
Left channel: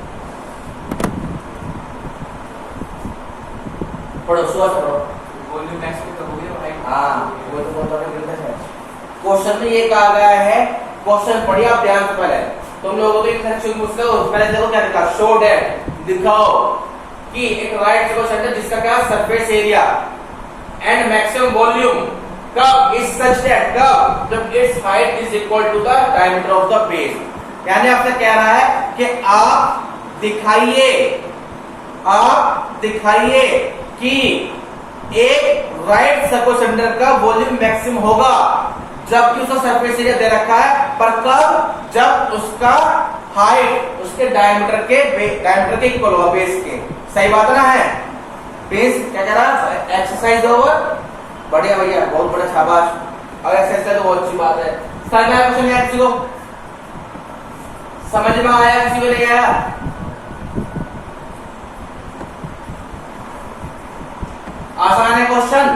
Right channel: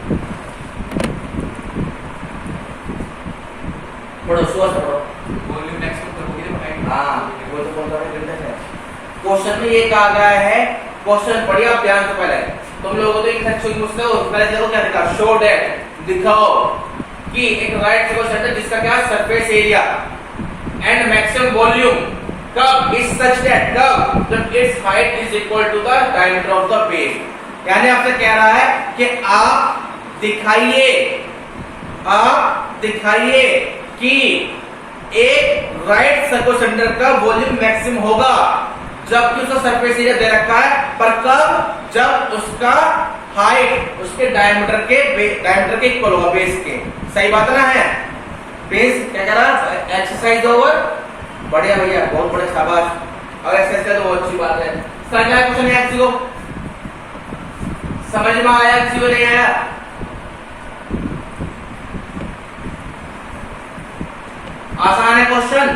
पढ़ो सुबह से पढ़ो, वॉल्यूम मैक्सिमम तो हो गया, हां वो तो कौन सा गलत है, क्वेश्चन में ये कहा गया है, क्वेश्चन पढ़िए आप ध्यान से, पहले तुम लोगों को एक अच्छी मुझसे हो, पहले देखो क्या लिखा, शो दैट, दिखाओ कि एक राइट क्वेश्चन है जिसका क्या surface area and maximum volume कब इज सच दैट, कब जब its height is equal to the diameter of the base. यानी आपसे कह रहा है कि आप दिखाइए आप दिखाइए कि एक राइट सर्कुलर सिलेंडर का वॉल्यूम मैक्सिमम होगा जबकि उसका सरफेस एरिया दे रखा है, पर कब? जब उसका हाइट उसके डायमीटर के इक्वल होगा, बेस के। सही बात ना है? बेस क्या कह रहा? Exercise over. बढ़िया भैया, बहुत बढ़िया, शाबाश। और एक्सरसाइज का तो बहुत अच्छी बात है। समझ में आया क्वेश्चन? एक्स को समझ में आया, किसी को नहीं आया? आसान है क्वेश्चन?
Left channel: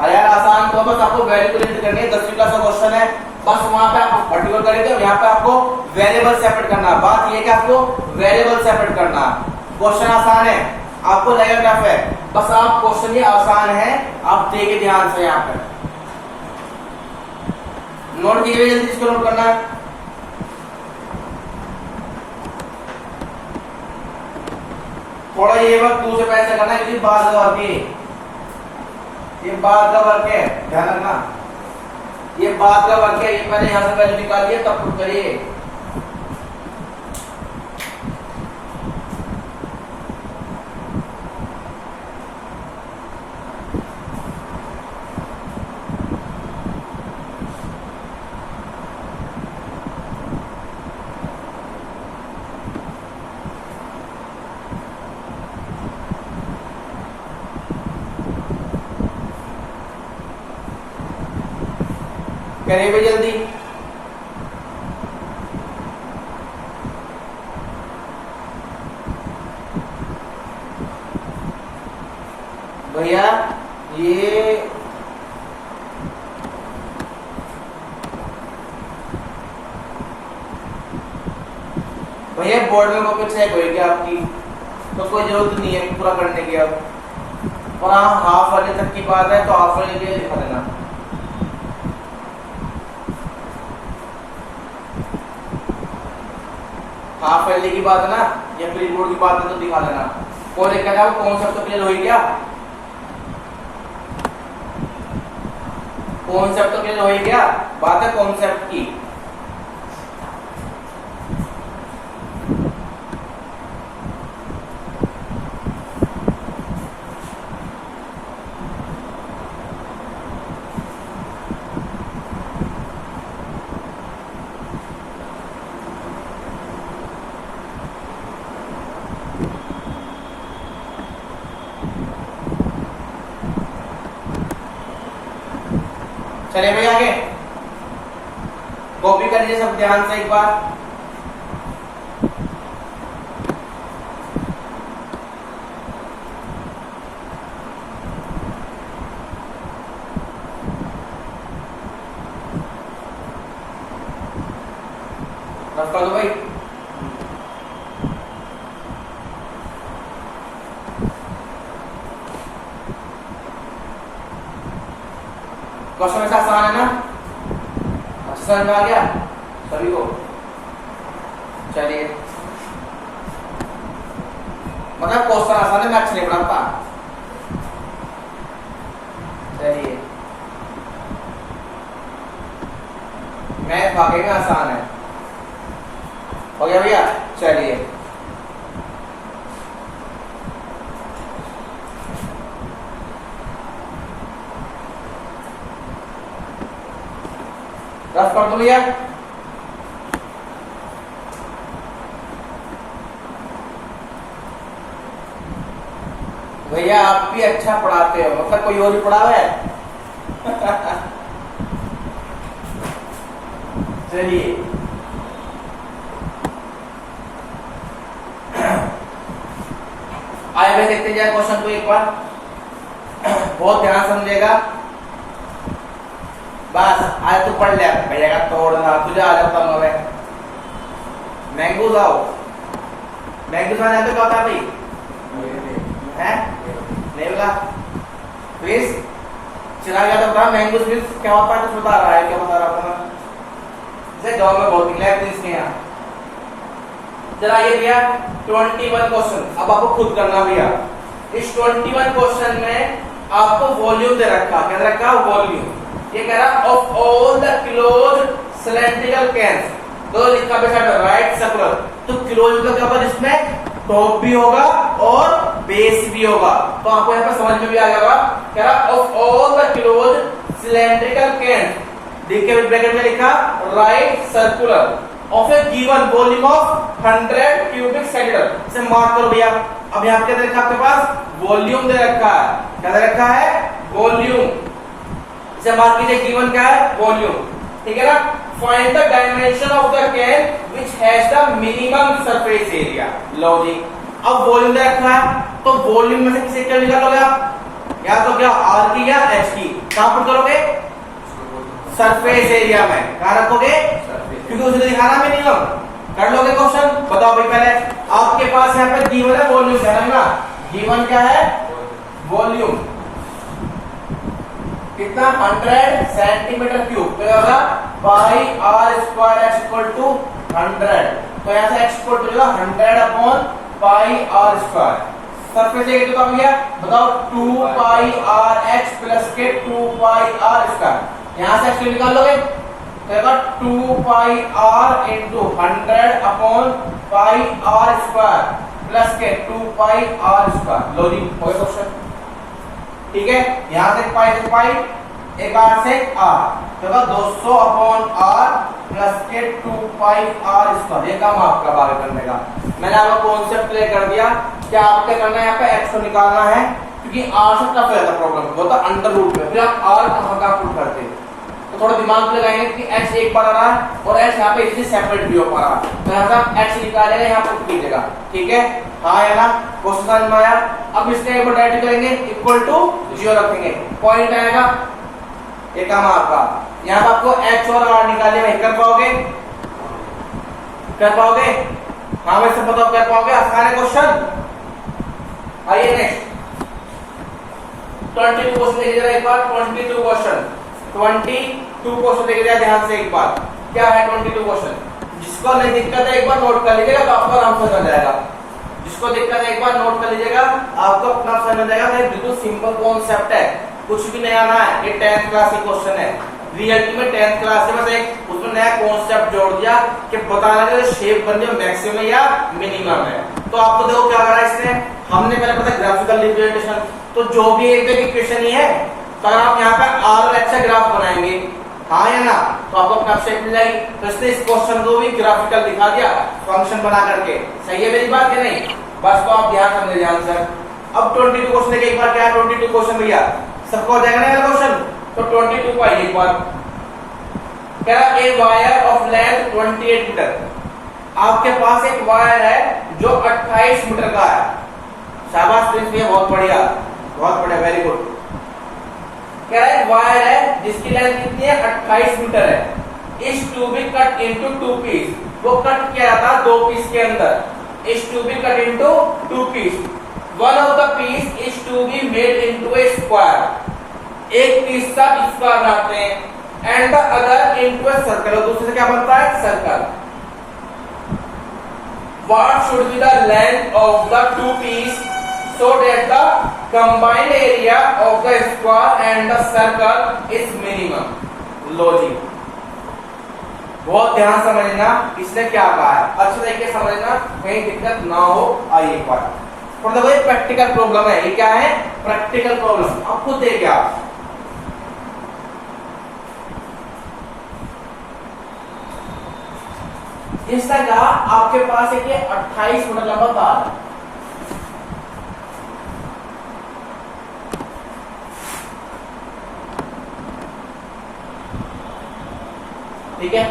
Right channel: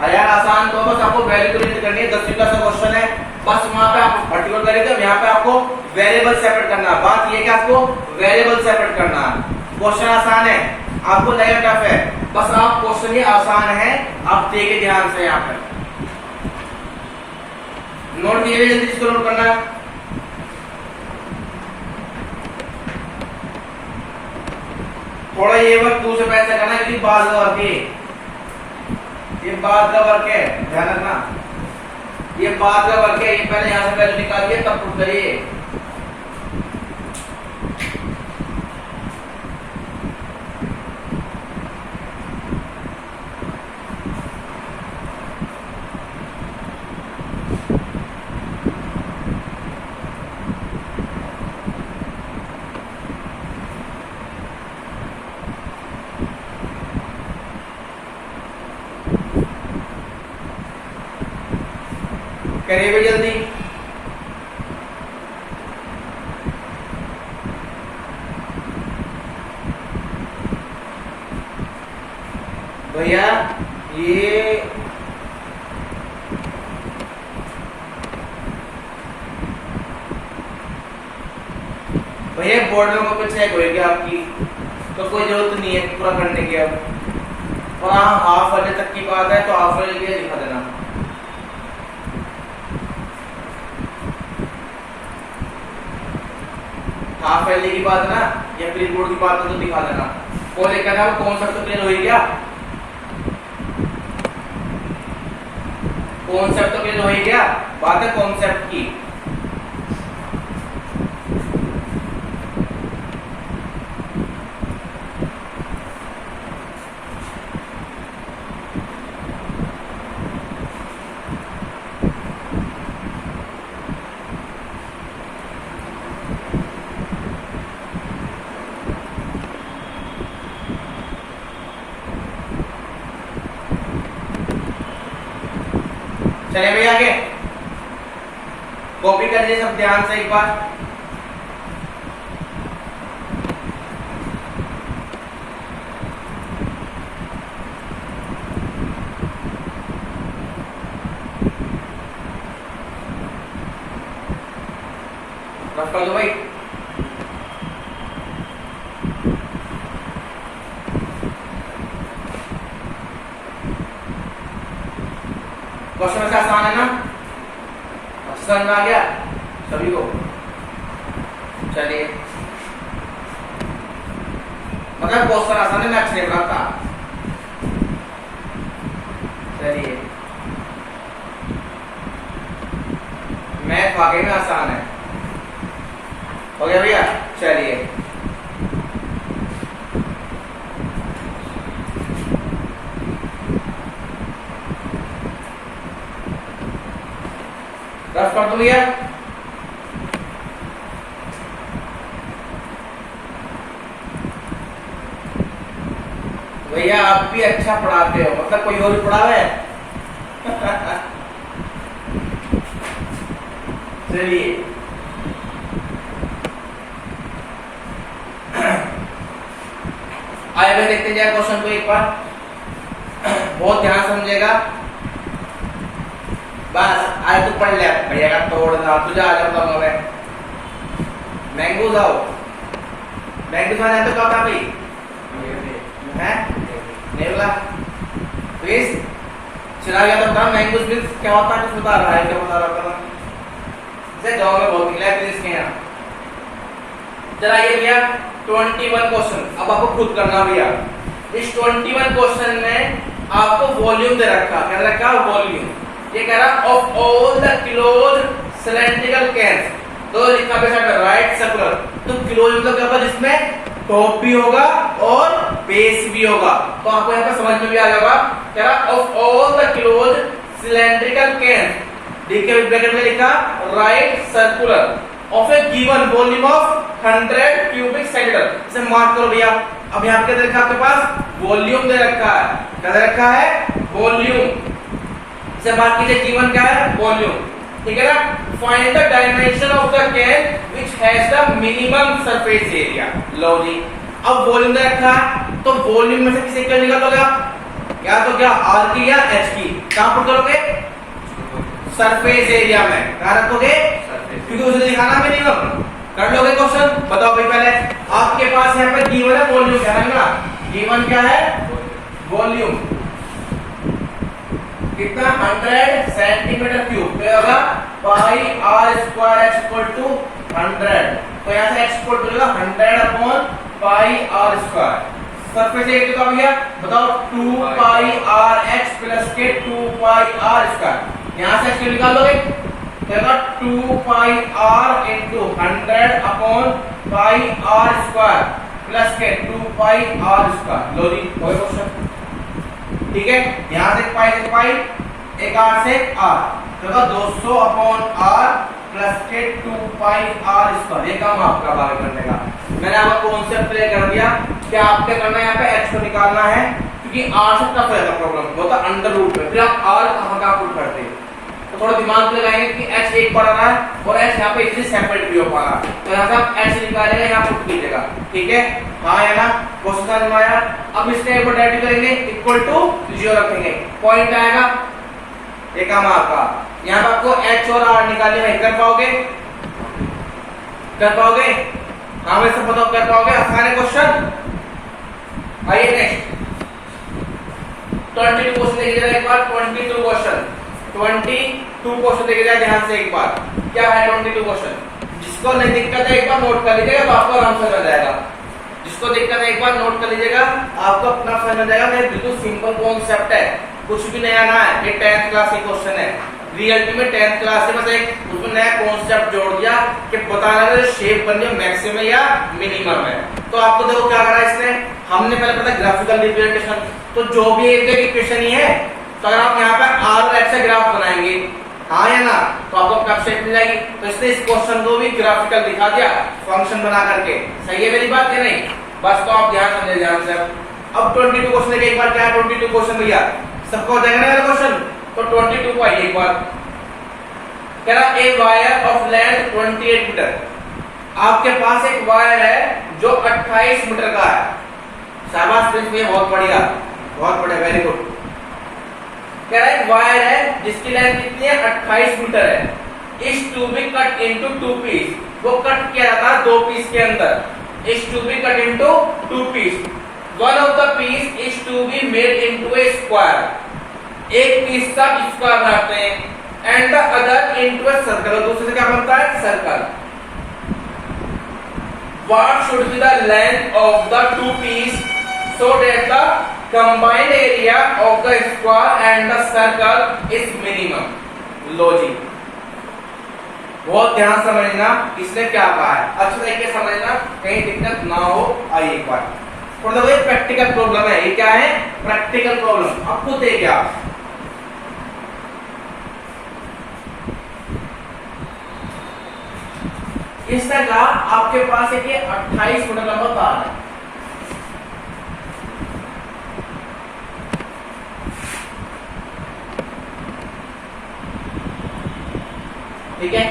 अरे यार आसान तो बस आपको वैल्यू कैलकुलेट करनी है। 10वीं क्लास का क्वेश्चन है, बस वहां पे आप पर्टिकुलर करेंगे, यहाँ पे आपको वेरिएबल सेपरेट करना है। बात ये है कि आपको वेरिएबल सेपरेट करना है। क्वेश्चन आसान है, आपको लगेगा टफ है, बस आप क्वेश्चन ही आसान है, आप देखिए ध्यान से। यहाँ पे नोट कीजिए, जल्दी इसको नोट करना है। थोड़ा ये वर्क दूर से पैसा करना है, क्योंकि बाद का वर्क ये बाद का वर्क है, ध्यान रखना। ये बाद का वर्क है, ये पहले यहां से वैल्यू निकालिए तब प्रूफ करिए। करिए भी जल्दी। भैया ये बोर्ड में कॉपी चेक होगी आपकी, तो कोई जरूरत नहीं है पूरा करने की। अब और हाँ, हाफ वाले तक की बात है तो हाफ वाले के लिए दिखा देना। हाफ वाले की बात है ना, या फिर बोर्ड की बात है तो दिखा देना। और लेकर आप कॉन्सेप्ट क्लियर हो गया? कॉन्सेप्ट क्लियर हो गया? बात है कॉन्सेप्ट की। चले भैया आगे, कॉपी कर लीजिए सब ध्यान से एक बार। बस कर दो भाई। क्वेश्चन ऐसा आसान है ना? समझ में आ गया सभी को? चलिए, मतलब क्वेश्चन आसान है, मैं अच्छे नहीं पढ़ाता। चलिए, मैथ वाकई में आसान है। हो गया भैया? चलिए, रफ कर दो भैया। भैया आप भी अच्छा पढ़ाते हो, मतलब कोई और भी पढ़ावे है? चलिए, आइए भाई देखते जाए क्वेश्चन को एक बार, बहुत ध्यान समझेगा। बस आज तो पढ़ लिया भैया का तोड़ना, तुझे आ जाता हूँ मैं। मैंगो जाओ, मैंगो जाने पे क्या होता भाई? है नहीं बोला? प्लीज चला गया तो बता, मैंगो प्लीज क्या होता है? कुछ बता रहा है, क्या बता रहा था? जैसे गाँव में बहुत निकला है प्लीज के यहाँ। चला ये भैया 21 क्वेश्चन, अब आपको खुद करना भैया। इस 21 क्वेश्चन में आपको वॉल्यूम दे रखा, क्या दे रखा? वॉल्यूम। ये कह रहा of all the close cylindrical cans, तो लिखा पे राइट सर्कुलर तो क्लोज मतलब क्या होगा, जिसमें टॉप भी होगा और बेस भी होगा। तो आपको यहाँ पर समझ में भी आ जाएगा, कह रहा of all the close cylindrical can, देखिए ब्रैकेट में लिखा right circular of A given volume of 100 cubic centimetre. इसे मार्क करो भैया। अब यहाँ पे दे रखा आपके पास वॉल्यूम दे रखा है, क्या दे रखा है, वॉल्यूम। इसे मार्क कीजिए, गिवन क्या है, वॉल्यूम, ठीक है ना। Find the dimension of the can which has the minimum surface area. लो जी, अब वॉल्यूम दे रखा है तो वॉल्यूम में से किसे क्या निकालोगे आप, या तो क्या आर की या एच की, कहां पर करोगे, सरफेस एरिया में, कहां रखोगे, क्योंकि उसे दिखाना मिनिमम। कर लोगे क्वेश्चन, बताओ भाई पहले आपके पास यहाँ पे गिवन है वॉल्यूम, क्या है ना, गिवन क्या है, वॉल्यूम कितना 100 सेंटीमीटर क्यूब, तो होगा pi r square x equal to 100। तो यहाँ से x equal to 100 upon pi r square. Surface area कितना भैया बताओ, 2 पाई आर एक्स प्लस के 2 पाई आर स्क्वायर। यहाँ से एक्स निकाल लोगे तो 2 pi r into 100 upon pi r square plus के 2 पाई आर स्क्वायर। लो जी, हो गया क्वेश्चन, ठीक है। यहां से पाई से पाई, एक आर से आर, तो 200 अपॉन आर प्लस के 2 पाई आर स्क्वायर। ये काम आपका आगे करने का, मैंने आपको कॉन्सेप्ट क्लियर कर दिया। क्या आपके करना है, यहाँ पे एक्स को निकालना है, क्योंकि आर से टफ है प्रॉब्लम, वो तो अंडर रूट में, फिर आप आर कहां का पुट करते हैं, तो थोड़ा दिमाग में लगाएंगे कि एक्स एक पड़ रहा है और एक्स यहाँ पे इतनी सेपरेट भी हो पा रहा है, तो यहाँ से एक्स निकालेगा, यहाँ पुट कीजिएगा, ठीक है। हाँ है ना, क्वेश्चन समझ में आया। अब इसके ऊपर डायरेक्ट करेंगे, इक्वल टू 0 रखेंगे, पॉइंट आएगा, एक काम आपका यहाँ पे आपको एच और आर निकालने में कर पाओगे, कर पाओगे, हाँ वैसे बताओ कर पाओगे, आसान है क्वेश्चन। आइए नेक्स्ट 22 क्वेश्चन देखिए जरा एक बार, 22 क्वेश्चन 22 क्वेश्चन देखिए जरा ध्यान से एक बार, क्या है 22 क्वेश्चन। जिसको नहीं दिक्कत है एक बार नोट कर लीजिएगा, तो आपको आराम से समझ जाएगा। जिसको दिक्कत है एक बार नोट कर लीजिएगा, आपको अपना समझ में जाएगा। ये बिल्कुल सिंपल कॉन्सेप्ट है, कुछ भी नया ना है, ये 10th क्लास की क्वेश्चन है, रियलिटी में 10th क्लास से बस एक उसमें नया कॉन्सेप्ट जोड़ दिया कि बताना है शेप बन जाए मैक्सिमम या मिनिमम है। तो आपको देखो क्या करा इसने, हमने पहले पता ग्राफिकल रिप्रेजेंटेशन, तो जो भी एक इक्वेशन ही है, तो अगर आप यहाँ पे आर और एक्स का ग्राफ बनाएंगे, हाँ या ना, तो आपको कब शेप मिल जाएगी। तो इसने इस क्वेश्चन को भी ग्राफिकल दिखा दिया फंक्शन बना करके, सही है मेरी बात या नहीं, बस तो आप ध्यान समझे ध्यान से। अब 22 क्वेश्चन देखिए एक बार, क्या है 22 क्वेश्चन भैया, सबको हो जाएगा ना क्वेश्चन। तो 22 को आइए एक बार, कह रहा a wire of length 28 metre, आपके पास एक वायर है जो 28 मीटर का है। शाबाश प्रिंस भैया, बहुत बढ़िया, बहुत बढ़िया, वेरी गुड। कह रहा है एक वायर है जिसकी लेंथ कितनी है, 28 मीटर है। Is to be cut into 2 piece, वो कट किया था 2 पीस के अंदर, is to be cut into 2 piece. One of the piece is to be made into a square, एक पीस का स्क्वायर बनाते हैं, and the other into a circle, दूसरे से क्या बनता है, circle. What should be the length of the 2 piece so that the combined area of the square and the circle is minimum? लो जी, बहुत ध्यान समझना इसने क्या कहा है, अच्छे तरीके समझना, कहीं दिक्कत ना हो। आइए एक बार, मतलब ये प्रैक्टिकल प्रॉब्लम है, ये क्या है, प्रैक्टिकल प्रॉब्लम। आप खुद देखिए, आप इस तरह का आपके पास एक 28 मीटर लंबा तार है, ठीक है।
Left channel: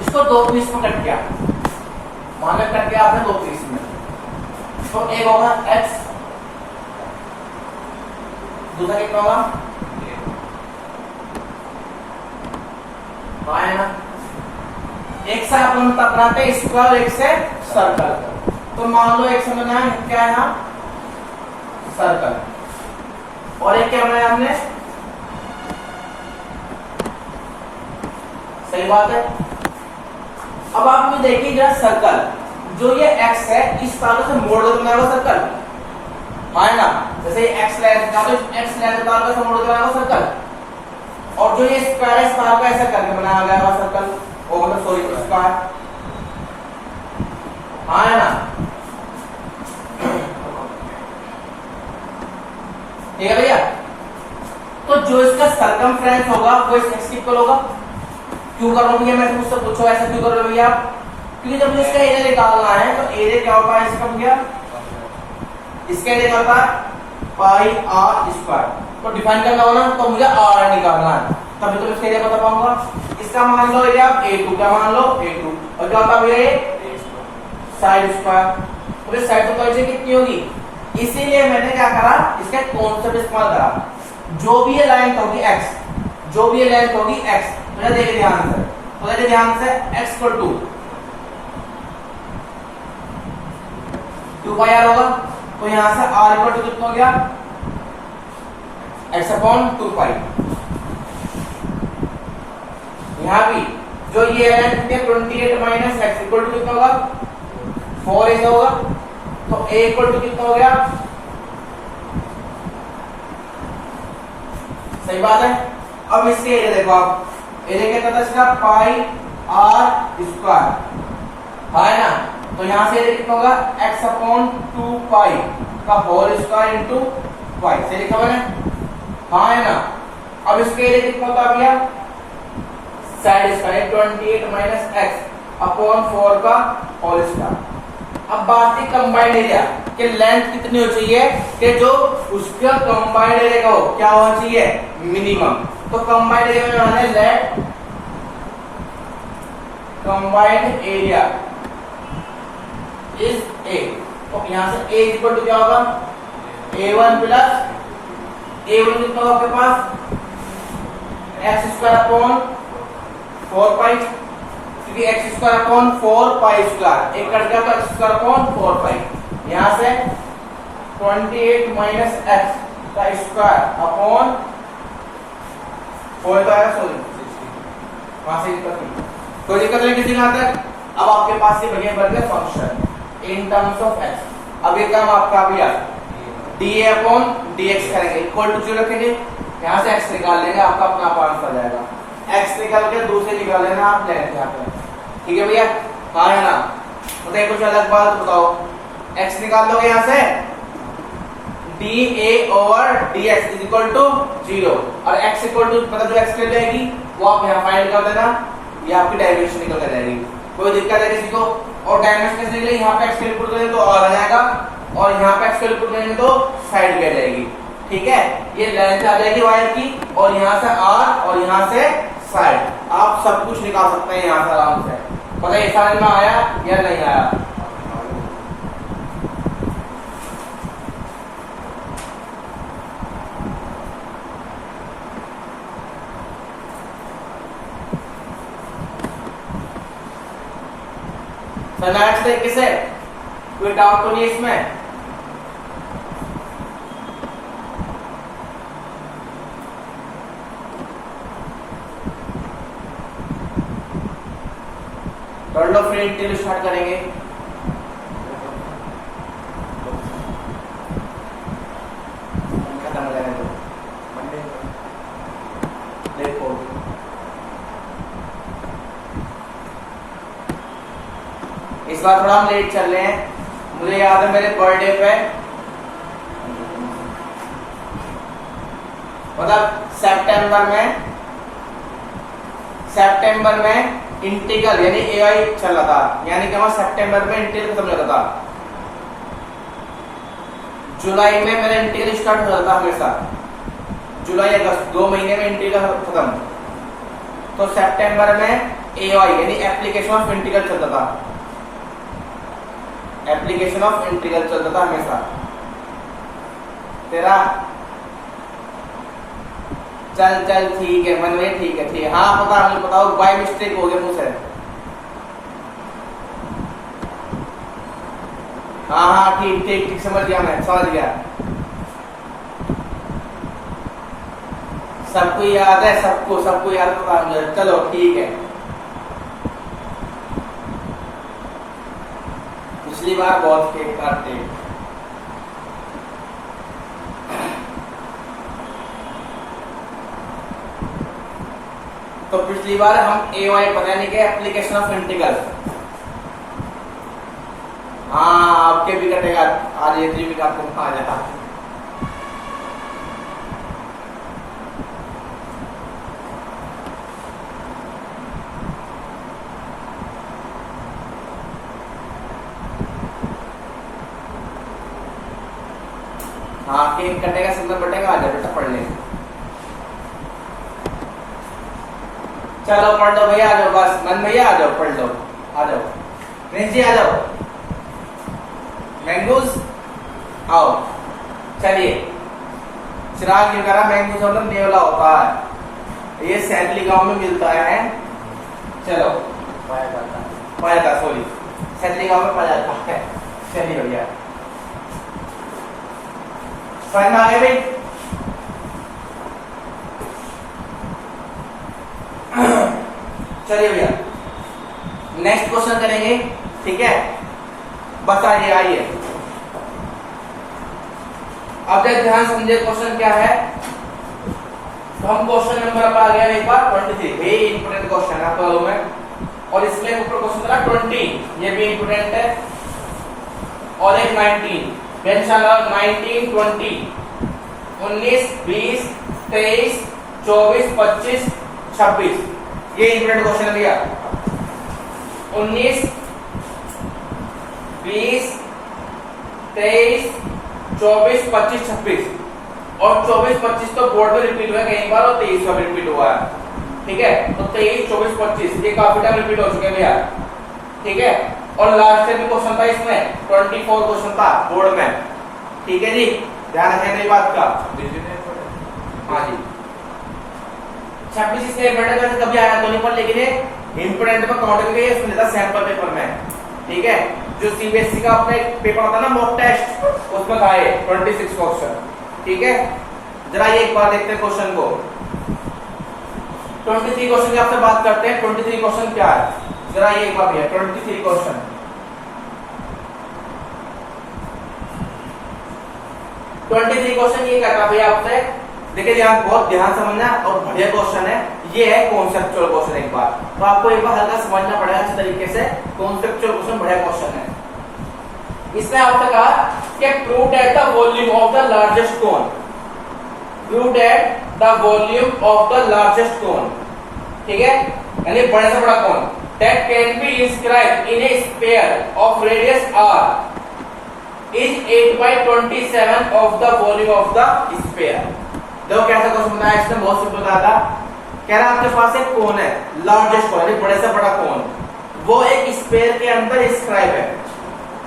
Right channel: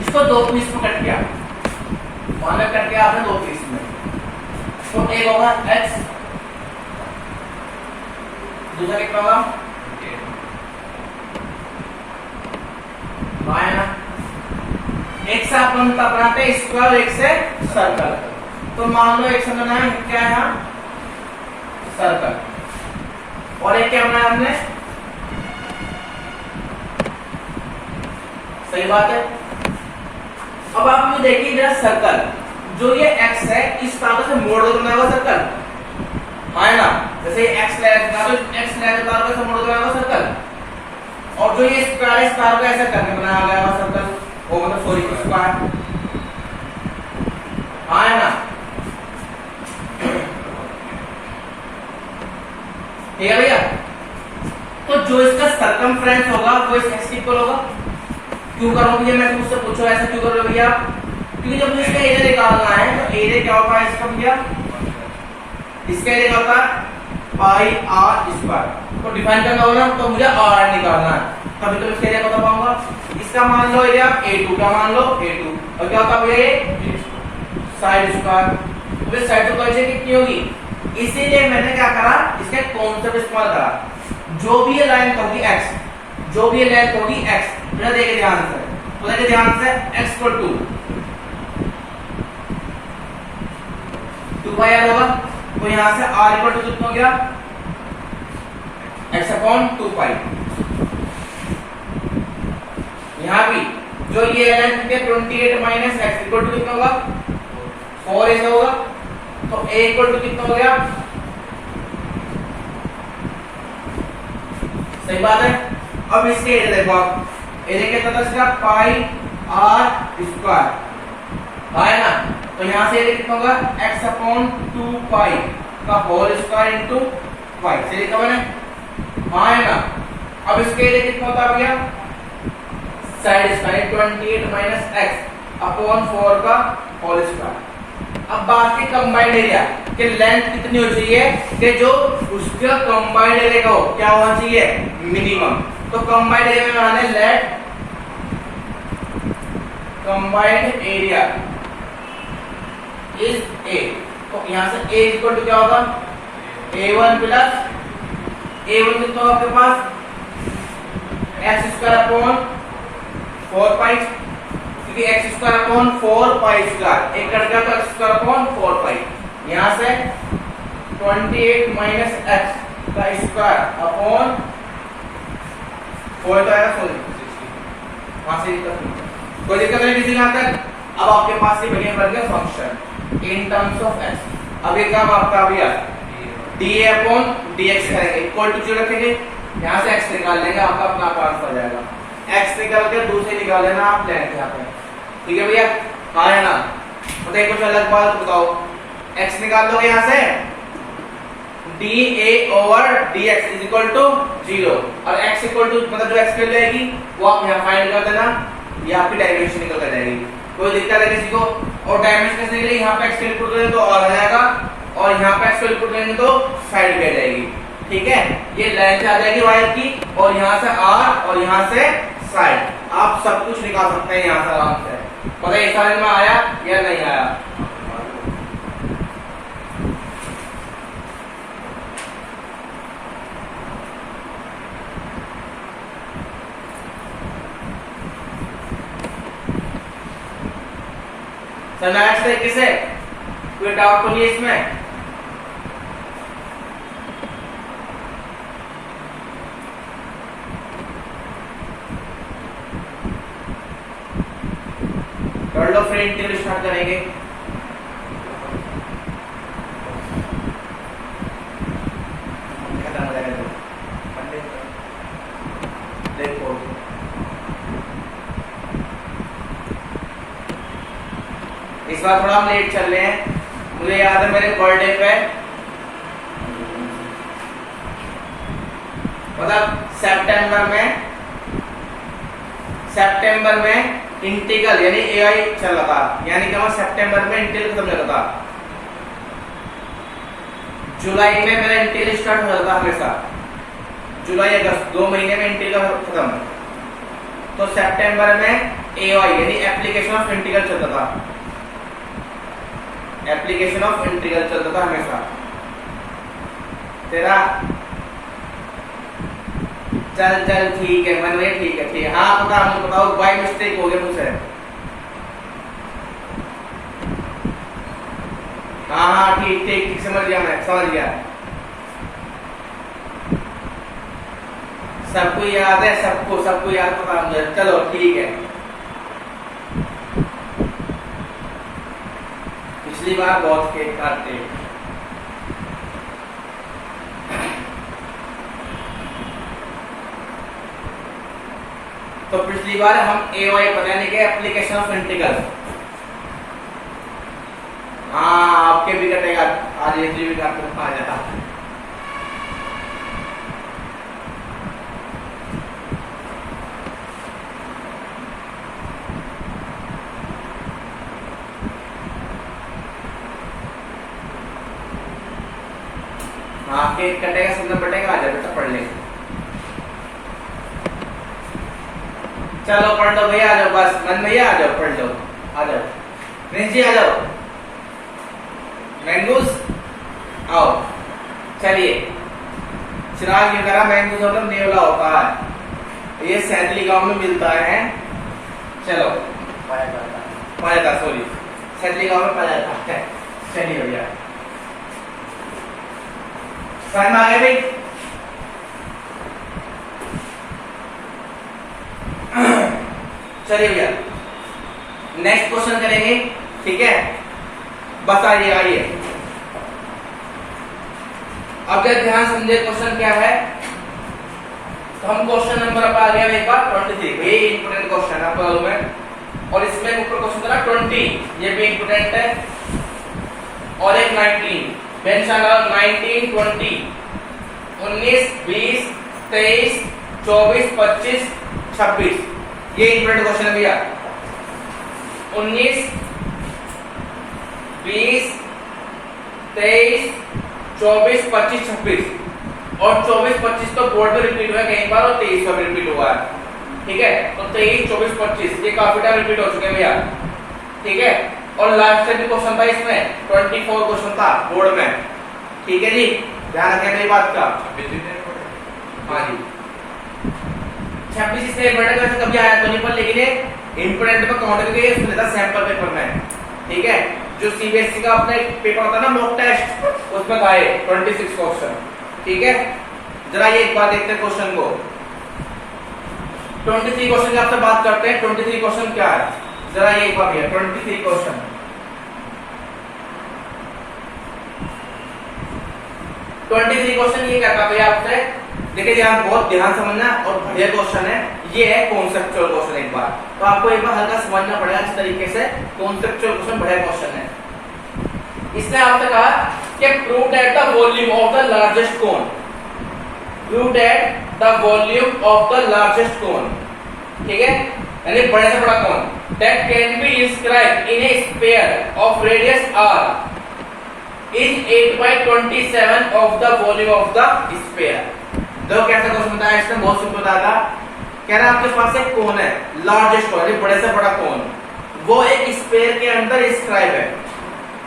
इसको 2 पीस में कट किया, मान लो कट किया आपने 2 पीस में, तो एक होगा x, दूसरा कितना होगा y है ना। एक से अपन बनाते हैं स्क्वायर, एक से सर्कल, तो मान लो एक से बनाया क्या है यहाँ, सर्कल, और एक क्या बनाया हमने, सही बात है। अब आप जो देखिए जरा सर्कल, जो ये x है इस तरह से मोड़ दो बनाएगा सर्कल, हाँ है ना, जैसे x लाइन का तो x लाइन का से मोड़ बनाएगा सर्कल, और जो ये स्क्वायर है इस तरह का ऐसा करके बनाया गया सर्कल, ओ मतलब सॉरी स्क्वायर, हाँ है ना, ठीक है भैया। तो जो इसका सरकमफ्रेंस होगा वो इस एक्स इक्वल होगा। क्यों करो भैया, मैं तुमसे पूछो ऐसा क्यों कर रहे हो भैया? क्योंकि जब इसका एरिया निकालना है तो एरिया क्या होता है इसका भैया? इसका एरिया क्या होता है? पाई आर स्क्वायर। तो डिफाइन करना होगा तो मुझे आर निकालना है, तभी तो इसका एरिया बता पाऊंगा। इसका मान लो एरिया A2, क्या मान लो A2, और क्या होता है भैया? Side square. तो साइड तो कितनी होगी? इसीलिए मैंने क्या करा, इसका कॉन्सेप्ट इस्तेमाल करा। जो भी ये लाइन होगी x, जो भी ये लेंथ होगी x, मतलब देखिए ध्यान से, तो देखिए ध्यान से, x को 2 बाई आर होगा। तो यहां से r इक्वल टू कितना हो गया? x अपॉन 2 पाई। यहां भी जो ये लेंथ कितने 28 माइनस x इक्वल टू कितना होगा? 4 ऐसा होगा। तो a इक्वल टू कितना हो गया? सही बात है। अब इसके एरिया देखो आप, एरिया कितना था इसका? पाई आर स्क्वायर, है ना। तो यहां से एरिया कितना होगा? x अपॉन 2 पाई का होल स्क्वायर इनटू पाई। सही लिखा मैंने? हाँ है ना। अब इसके एरिया कितना होता है भैया? Side square 28 minus x upon 4 का होल स्क्वायर। अब बात की कंबाइंड एरिया कि लेंथ कितनी हो चाहिए कि जो उसका कंबाइंड एरिया का हो क्या होना चाहिए? मिनिमम। तो कंबाइंड एरिया में आने let combined area is A। तो यहां से A इक्वल टू क्या होगा? A1 प्लस A1 कितना होगा आपके पास? x स्क्वायर अपॉन 4 पाई, क्योंकि x square upon 4 pi square एक कट गया तो x स्क्वायर अपॉन 4 पाई। यहां से 28 माइनस x का स्क्वायर अपॉन 4 तो आएगा 16। वहां से कोई दिक्कत नहीं किसी का तक। अब आपके पास ये बढ़िया बन गया function in terms of x। अब ये काम आपका भैया dA अपॉन dx करेंगे, इक्वल टू 0 रखेंगे। यहां से x निकाल लेंगे, आपका अपना आंसर आ जाएगा। x निकाल के दूसरे निकाल लेना आप लेंथ यहाँ पे, ठीक है भैया? हाँ है ना। बताइए कुछ अलग बात बताओ। x निकाल दोगे यहाँ से dA over dx is equal to 0, और x इक्वल टू मतलब जो x कर जाएगी वो आप यहाँ फाइंड कर देना, ये आपकी डायमेंशन निकल कर जाएगी। कोई दिक्कत है किसी को? और डायमेंशन कैसे निकलेगी? यहाँ पे x कैलकुलेट करेंगे तो और आ जाएगा, और यहाँ पे x कैलकुलेट करेंगे तो साइड पे आ जाएगी, ठीक है? ये लेंथ आ जाएगी वायर की, और यहाँ से r और यहाँ से साइड। आप सब कुछ निकाल सकते हैं यहाँ से आराम से। पता है समझ में आया या नहीं आया? नेक्स्ट तरीके से कोई डाउट तो नहीं इसमें? कर लो, फिर इंटीग्रल स्टार्ट करेंगे। खत्म हो जाएगा देखो। इस बार थोड़ा हम लेट चल रहे हैं। मुझे याद है मेरे बर्थडे पे मतलब सितंबर में इंटीग्रल यानी एआई चल रहा था, यानी कि सितंबर में इंटीग्रल खत्म हो रहा था। जुलाई में मेरा इंटीग्रल स्टार्ट हो रहा था हमेशा, जुलाई अगस्त 2 महीने में इंटीग्रल खत्म। तो सितंबर में एआई यानी एप्लीकेशन ऑफ इंटीग्रल चलता था, एप्लीकेशन ऑफ इंटीग्रल चलता था हमेशा। तेरा चल ठीक है मन में, ठीक है। हाँ पता, मुझे बताओ बाय मिस्टेक हो गया मुझसे। हाँ ठीक समझ गया, मैं समझ गया। सबको याद है, सबको याद पता मुझे। चलो ठीक है। पिछली बार बहुत फेक थे। तो पिछली बार हम ए वाई पता नहीं क्या एप्लीकेशन ऑफ इंटीग्रल, हाँ आपके भी कटेगा, आज एक भी काट आ जाता। आपके कटेगा, सिग्नल बटेगा, आ जाए बेटा पढ़ ले। चलो पढ़ लो भैया, आ जाओ बस, मन भैया आ जाओ, पढ़ लो, आ जाओ, प्रिंस जी आ जाओ, मैंगोज आओ। चलिए, चिराग की तरह मैंगोज मतलब नेवला होता है, ये सैंतली गांव में मिलता है। चलो पाया था, सॉरी, सैंतली गांव में पाया जाता है। चलिए भैया, समझ में आ गया भाई? चलिए भैया, नेक्स्ट क्वेश्चन करेंगे, ठीक है? बस आइए। अब ध्यान समझे क्वेश्चन क्या है। तो हम क्वेश्चन नंबर पर आ गया एक बार 23, वेरी इंपोर्टेंट क्वेश्चन आपको मालूम है। और इसमें ऊपर क्वेश्चन था 20, ये भी इंपोर्टेंट है। और एक 19, 19, 20, 19, 20, 23, 24, 25, 26, ये इंपोर्टेंट क्वेश्चन है भैया। 19, 20, 23, 24, 25, 26 और 24, 25 तो बोर्ड में रिपीट हुआ कई बार और 23 का रिपीट हुआ है, ठीक है? तो 23, 24, 25 ये काफी टाइम रिपीट हो चुके हैं भैया, ठीक है? और लास्ट टाइम भी क्वेश्चन था इसमें 24 क्वेश्चन था बोर्ड में, ठीक है जी? ध्यान रखिए मेरी बात का। हाँ जी, 26 इसलिए इम्पोर्टेंट वैसे कभी आया तो नहीं पर, लेकिन ये इम्पोर्टेंट में काउंट करके इसमें लेता सैंपल पेपर में, ठीक है? जो सीबीएसई का अपना एक पेपर होता है ना मॉक टेस्ट, उसमें था ये 26 क्वेश्चन, ठीक है? जरा ये एक बार देखते हैं क्वेश्चन को। 23 क्वेश्चन की आपसे बात करते हैं। 23 क्वेश्चन क्या है, जरा ये एक बार भैया, 23 क्वेश्चन। 23 क्वेश्चन ये कहता भैया आपसे, देखिए ध्यान, बहुत ध्यान समझना और बढ़िया क्वेश्चन है। ये है कॉन्सेप्चुअल क्वेश्चन। एक बार तो आपको एक बार हल्का समझना पड़ेगा इस तरीके से। कॉन्सेप्चुअल क्वेश्चन बढ़िया क्वेश्चन है। इसने आपसे कहा कि prove that the volume of the largest cone, prove that the volume of the largest cone, ठीक है? यानी बड़े से बड़ा cone that can be inscribed in a sphere of radius r is 8/27 of the volume of the sphere. देखो कैसा question बताया इसने, बहुत सिंपल बताया था। कह रहा है आपके पास एक कोन है, लार्जेस्ट कोन, बड़े से बड़ा कोन, वो एक स्फीयर के अंदर इंस्क्राइब है,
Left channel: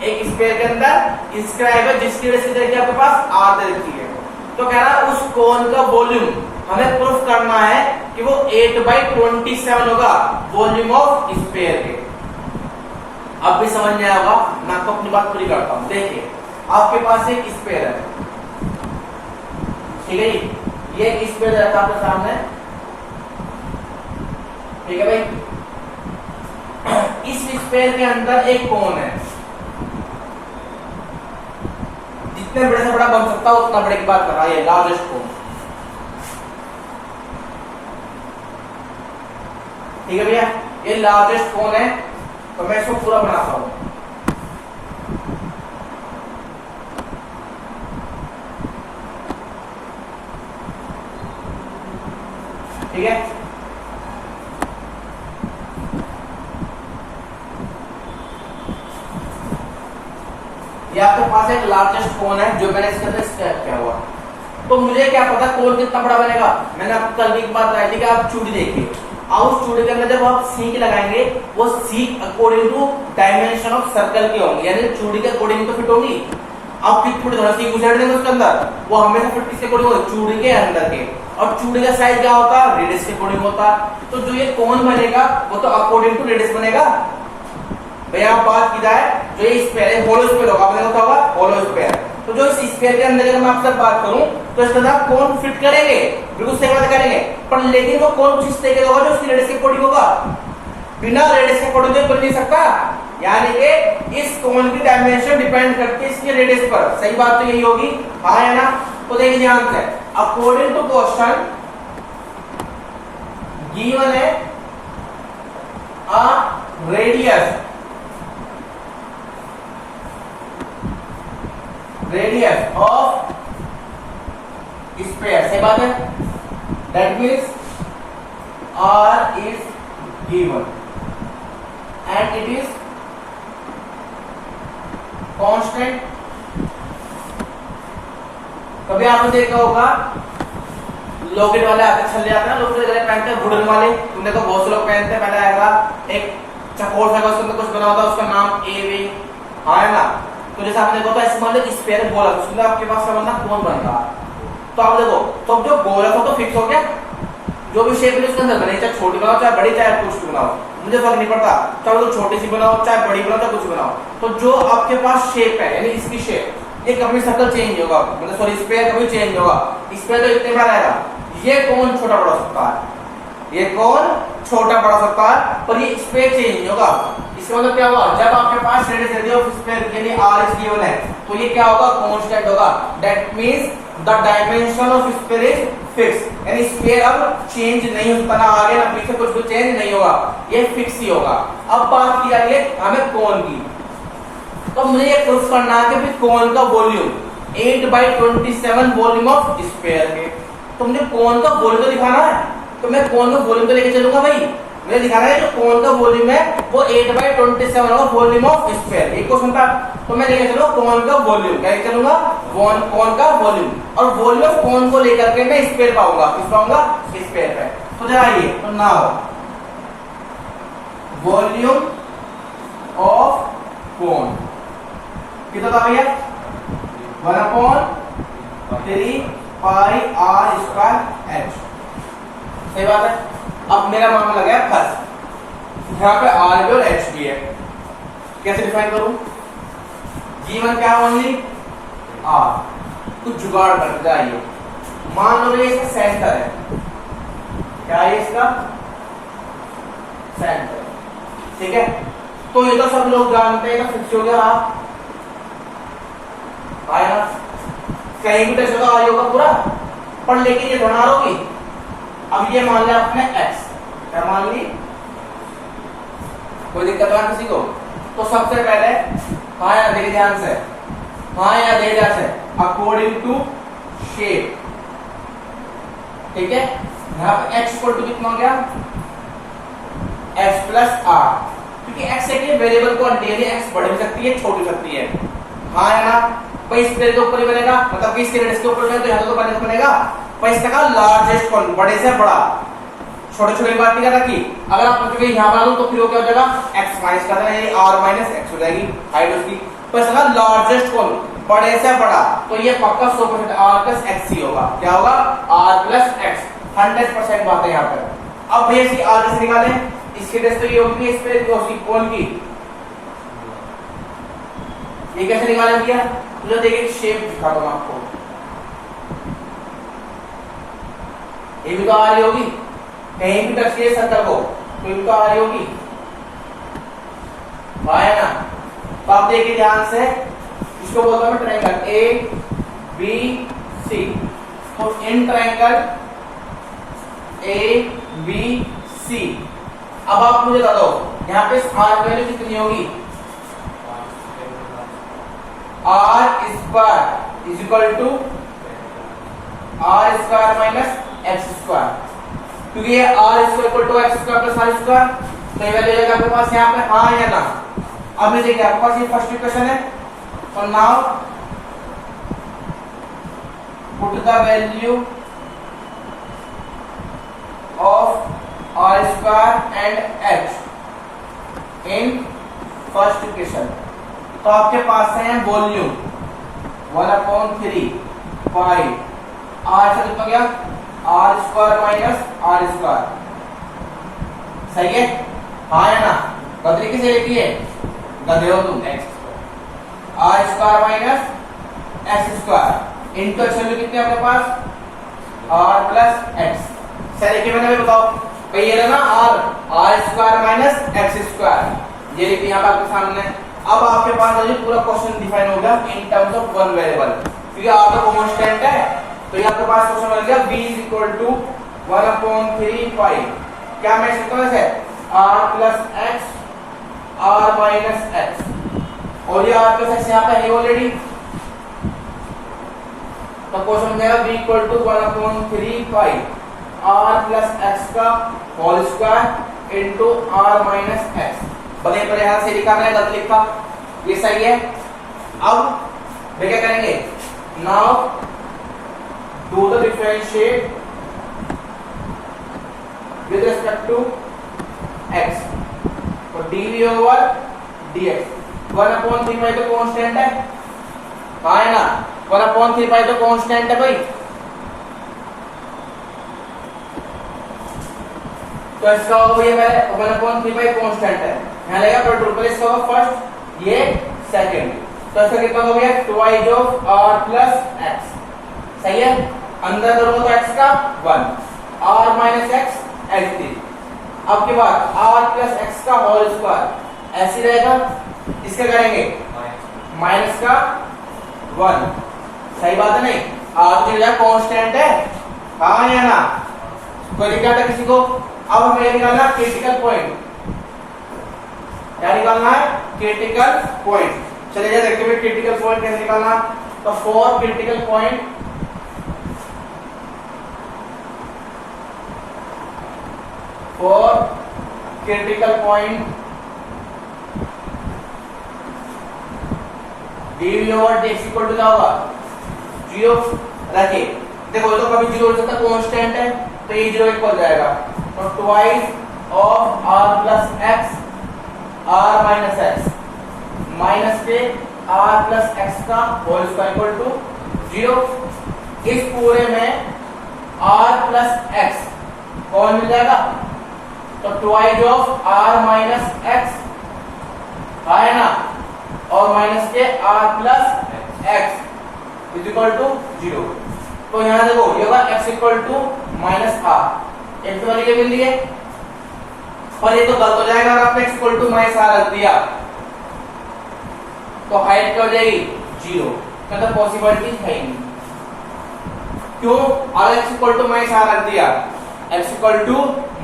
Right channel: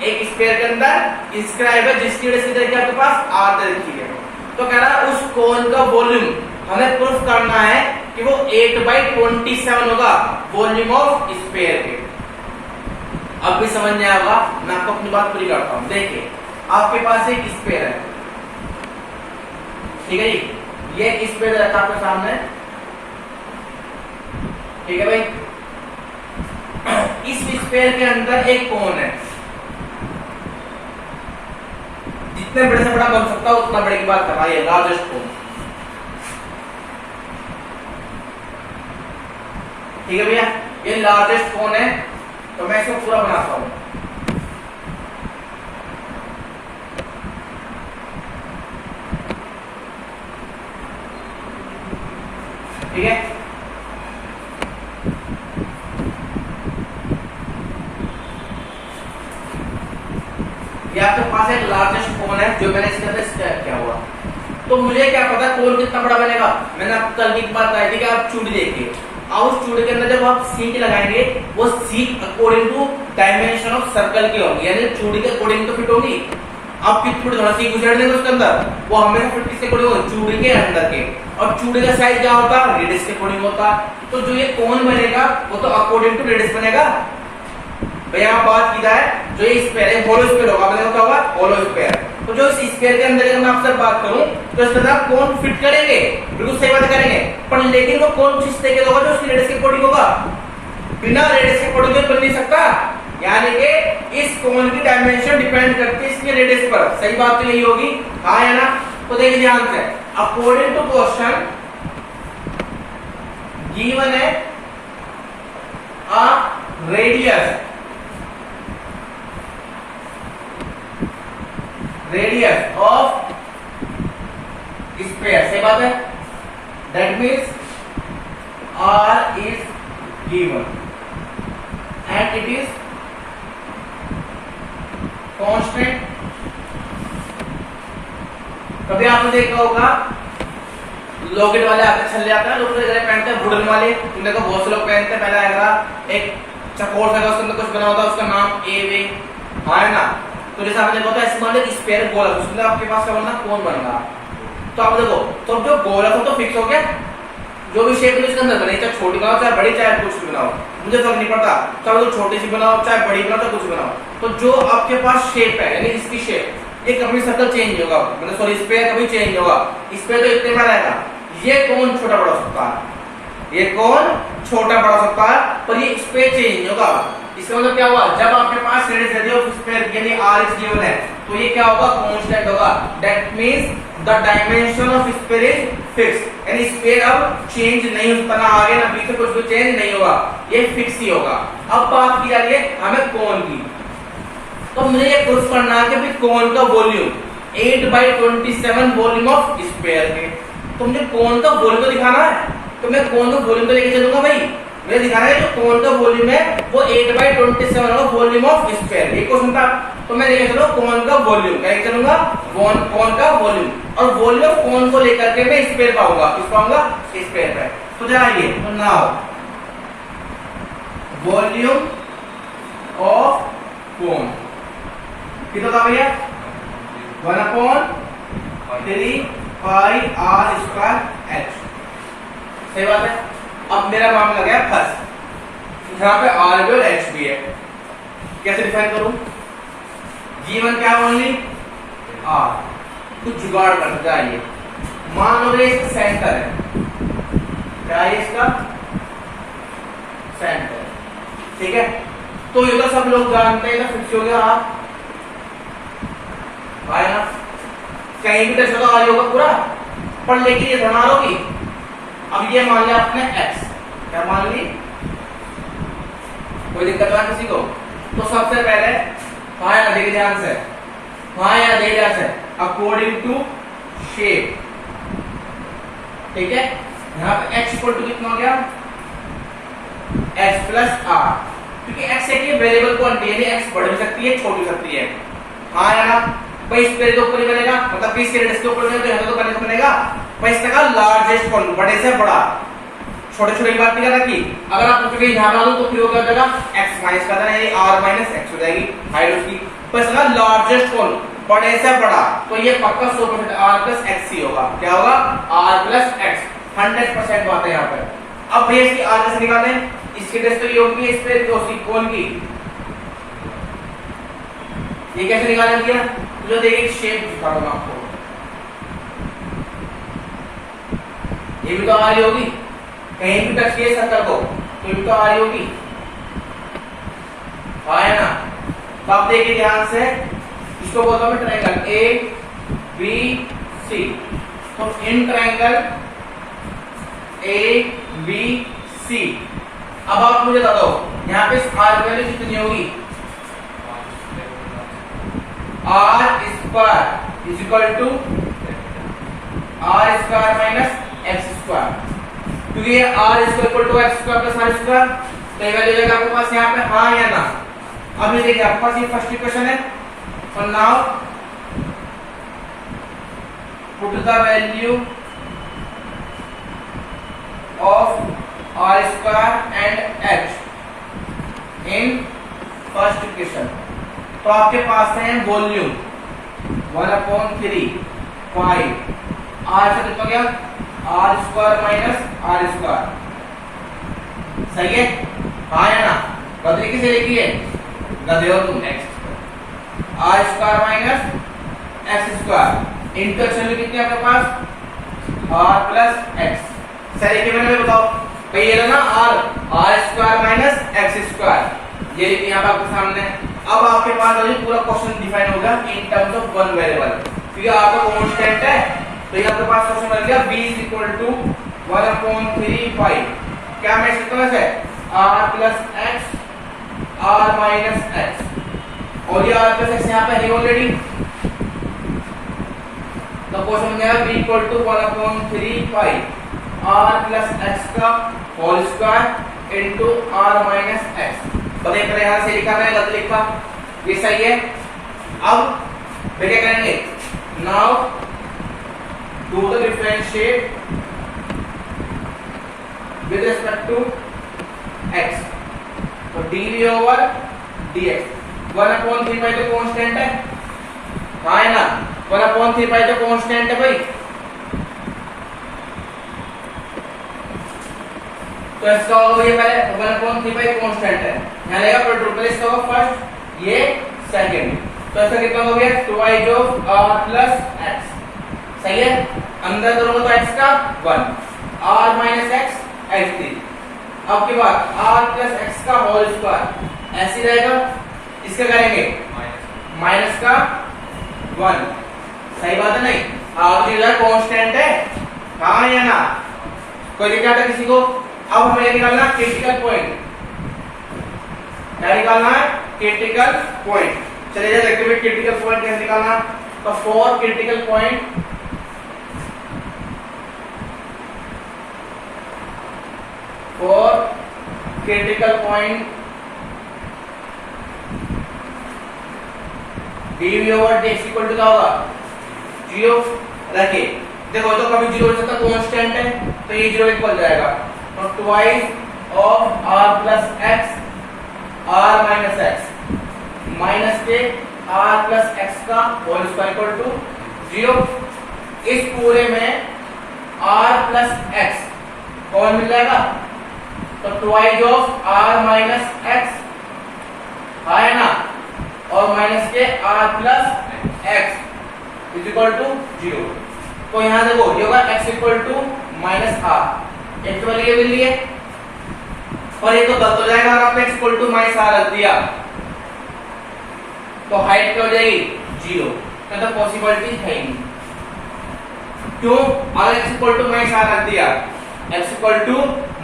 एक स्फीयर के अंदर इंस्क्राइब है, जिसकी वजह से देखिए आपके पास r दे रखी है। तो कह रहा है उस कोन का वॉल्यूम हमें प्रूफ करना है कि वो 8/27 होगा वॉल्यूम ऑफ स्फीयर के। अब भी समझ में आएगा, मैं आपको अपनी बात पूरी करता हूं। देखिए आपके पास एक स्फीयर है, ठीक है जी? ये एक स्फीयर रहता है आपके सामने, ठीक है भाई? इस स्फीयर के अंदर एक कोन है, जितने बड़े से बड़ा बन सकता हो उतना बड़े की बात कर रहा है, लार्जेस्ट कोन, ठीक है भैया? ये लार्जेस्ट कोन है, तो मैं इसको पूरा बनाता हूं। ठीक है? ये आपके पास एक लार्जेस्ट कोन है जो मैंने इसके अंदर स्क्रैप किया हुआ। तो मुझे क्या पता कोन कितना बड़ा बनेगा? मैंने आपको कल की बात बताई थी कि आप चूड़ी देखिए, और उस चूड़ी के अंदर जब आप सीख लगाएंगे, वो सीख according to dimension of circle की होगी, यानी चूड़ी के अकॉर्डिंग तो फिट होगी। आप कितनी थोड़ा सीख घुसेड़ देंगे उसके अंदर, वो हमेशा फिट किसके अकॉर्डिंग होगी? चूड़ी के अंदर के। और चूड़ी का साइज क्या होता है? रेडियस के अकॉर्डिंग होता। तो जो ये कोन बनेगा वो तो अकॉर्डिंग टू रेडियस बनेगा। भैया आप बात की जाए, जो ये स्फीयर है होलो स्फीयर होगा, मैंने कहा होगा होलो स्फीयर। तो जो इस स्फीयर के अंदर अगर मैं आपसे बात करूं तो इस तरह कोन फिट करेंगे, बिल्कुल सही बात करेंगे, पर लेकिन वो कोन कुछ इस तरीके का होगा जो उसकी रेडियस के अकॉर्डिंग होगा। बिना रेडियस के अकॉर्डिंग बन नहीं सकता, यानी कि इस कोन की डायमेंशन डिपेंड करती है इसके रेडियस पर। सही बात तो यही होगी, हाँ है ना? तो देखिए ध्यान से, अकॉर्डिंग टू क्वेश्चन गिवन है a radius radius of sphere, सही बात है। That means r is given and it is constant। कभी आपने देखा होगा लॉकेट वाले आते छल्ले आते हैं, लोग पहनते हैं वुडन वाले, तुम देखो बहुत से लोग पहनते हैं। पहले आएगा एक चकोर सा, उसके अंदर कुछ बना होता है, उसका नाम ए वे, हाँ है ना। तो जैसे आपने देखा होता है ऐसे मान लो स्फीयर गोला, उसमें आपके पास क्या बनना, कौन बन रहा। तो आप देखो तो जो गोला था तो फिक्स हो गया, जो भी शेप है इसके अंदर बने, चाहे छोटी बनाओ चाहे बड़ी, चाहे कुछ भी बनाओ, मुझे फर्क नहीं पड़ता, चाहे तो छोटी सी बनाओ चाहे बड़ी बनाओ चाहे कुछ बनाओ। तो जो आपके पास शेप है, यानी इसकी शेप, ये कभी सर्कल चेंज होगा, मतलब सॉरी स्क्वायर कभी चेंज होगा, स्क्वायर तो इतने बार आएगा। ये कौन छोटा बड़ा सकता है, ये कौन छोटा बड़ा सकता है, पर ये स्क्वायर चेंज होगा। इसका मतलब क्या हुआ, जब आपके पास रेडियस ऑफ स्क्वायर यानी r इज गिवन है, तो ये क्या होगा, कांस्टेंट होगा। That means the dimension of square is fix, यानी स्क्वायर अब चेंज नहीं होता, ना आगे ना पीछे कुछ भी चेंज नहीं होगा, ये फिक्स ही होगा। अब बात की जा रही है हमें कोण की, तो मुझे ये प्रूफ करना है कि भाई कोण का वॉल्यूम 8/27 वॉल्यूम ऑफ स्क्वायर है। तो मुझे कोण का वॉल्यूम तो दिखाना है, तो मैं कोण का वॉल्यूम तो लेके चलूंगा भाई, मुझे दिखाना है जो कोण का वॉल्यूम है वो 8/27 होगा वॉल्यूम ऑफ स्क्वायर। ये क्वेश्चन था, तो मैं लेके चलो कोण का वॉल्यूम, क्या करूंगा, कोण का वॉल्यूम, और वॉल्यूम ऑफ कोण को लेकर के मैं स्क्वायर पाऊंगा, किस पाऊंगा, स्क्वायर पे। तो जरा ये तो नाउ वॉल्यूम ऑफ कोण कितना था भैया, 1/3 पाई r स्क्वायर h, सही बात है। अब मेरा मामला गया फर्स्ट, यहाँ पे r भी और h भी है, कैसे डिफाइन करूं, g1 क्या ओनली r, कुछ जुगाड़ कर जाइए। मान लो ये इसका सेंटर है, क्या है इसका सेंटर, ठीक है। तो ये तो सब लोग जानते हैं, फिक्स हो गया आप आया, कहीं भी टच होगा आ होगा पूरा, पर लेकिन ये थोड़ा होगी। अब ये मान लिया आपने x, क्या मान ली, कोई दिक्कत है किसी को। तो सबसे पहले हाँ या देखिए ध्यान से, हाँ या देखिए ध्यान से, अकॉर्डिंग टू शेप, ठीक है। यहाँ पे x इक्वल टू कितना हो गया, x प्लस r, क्योंकि x एक वेरिएबल को x बढ़ भी सकती है छोड़ भी सकती है, हाँ या ना। भाई इस पेड़ के ऊपर ही बनेगा, मतलब कि इस रेडियस के ऊपर बनेगा, तो यहाँ तो बनेगा भाई इसका लार्जेस्ट कौन, बड़े से बड़ा, छोटे छोटे की बात नहीं कर रखी। अगर आप पूछोगे यहाँ डालो तो फिर वो क्या हो जाएगा, x माइनस का था, ये r माइनस x हो जाएगी हाइट उसकी। पर इसका लार्जेस्ट कौन, बड़े से बड़ा, तो ये पक्का 100% r प्लस x ही होगा, क्या होगा, r प्लस x, 100% बात है यहाँ पर। अब भैया इसकी r कैसे निकालें, इसकी टेस्ट तो ये होगी इस पे उसकी कोण की, ये कैसे निकाला गया, जो देखिए शेप दिखा दूंगा आपको, ये भी तो आ रही होगी, कहीं भी टच किए सर्कल को तो ये तो आ रही होगी, है ना। तो आप देखिए ध्यान से, इसको बोलता हूं मैं ट्रायंगल ए बी सी। तो in triangle A B C, अब आप मुझे बता दो यहाँ पे आर वैल्यू कितनी होगी, r square is equal to r square minus x square, क्योंकि ये r square equal to x square plus r square, तो ये वैल्यू जाएगा आपके पास यहाँ पे हाँ या ना। अब ये देखिए आपके पास ये फर्स्ट इक्वेशन है, तो now put the value of r square and h in first equation. तो आपके पास है वॉल्यूम 1/3 पाई r से कितना गया, r square minus r square, सही है, हाँ है ना। बदली किसे लिखी है, गधे हो तुम, x r square minus x square into x value कितनी आपके पास, r प्लस x। सही लिखी मैंने, बताओ भाई ये ना r square minus x square, ये लिखी यहाँ पे आपके सामने। अब आपके पास पूरा क्वेश्चन डिफाइन होगा इन टर्म्स ऑफ वन वेरिएबल, क्योंकि आपका कांस्टेंट है, तो ये आपके पास क्वेश्चन बन गया b इज इक्वल टू 1/3 पाई, क्या मैं सकता हूं ऐसे, r plus x r minus x, और ये r प्लस x यहाँ पे है ऑलरेडी, तो क्वेश्चन में b equal to 1/3 pi r plus x का whole square into r minus x। बताइए पर यहां से लिखा है गलत लिखा, ये सही है। अब वे क्या करेंगे, now do the differentiate with respect to x। तो dv ओवर dx 1/3 पाई तो कांस्टेंट है, हाँ है ना, 1/3 पाई तो कांस्टेंट है भाई। तो इसका होगा ये पहले 1/3 पाई कांस्टेंट है, यहां लगेगा टोटल इसका होगा फर्स्ट, ये सेकंड। तो इसका कितना हो गया, 2i of r plus x, सही है। अंदर दोनों तो x का 1, r माइनस x x3। अब के बाद r प्लस x का होल स्क्वायर ऐसे रहेगा, इसका करेंगे माइनस का 1, सही बात है नहीं, r जो है कांस्टेंट है, हाँ या ना, कोई दिक्कत है किसी को। अब हमें ये निकालना क्रिटिकल पॉइंट, क्या निकालना है, क्रिटिकल पॉइंट। चलिए जरा देखते हैं क्रिटिकल पॉइंट कैसे निकालना। तो for critical point dv over dx equal to क्या होगा, 0 रखे। देखो तो कभी 0 हो सकता है, कांस्टेंट है, तो ये 0 इक्वल जाएगा। तो twice of r plus x r minus x minus के r प्लस x का होल स्क्वायर इक्वल टू 0। इस पूरे में r प्लस x कौन मिल जाएगा, तो twice of r minus x है ना, और माइनस के r plus x is equal to 0। तो यहां देखो ये होगा x equal to minus r, x वाली ये मिल लिए, और ये तो गलत हो जाएगा अगर आपने x equal to minus r रख दिया, तो हाइट क्या हो जाएगी 0, तो पॉसिबिलिटी है ही नहीं। क्यों, अगर x equal to minus r रख दिया, x equal to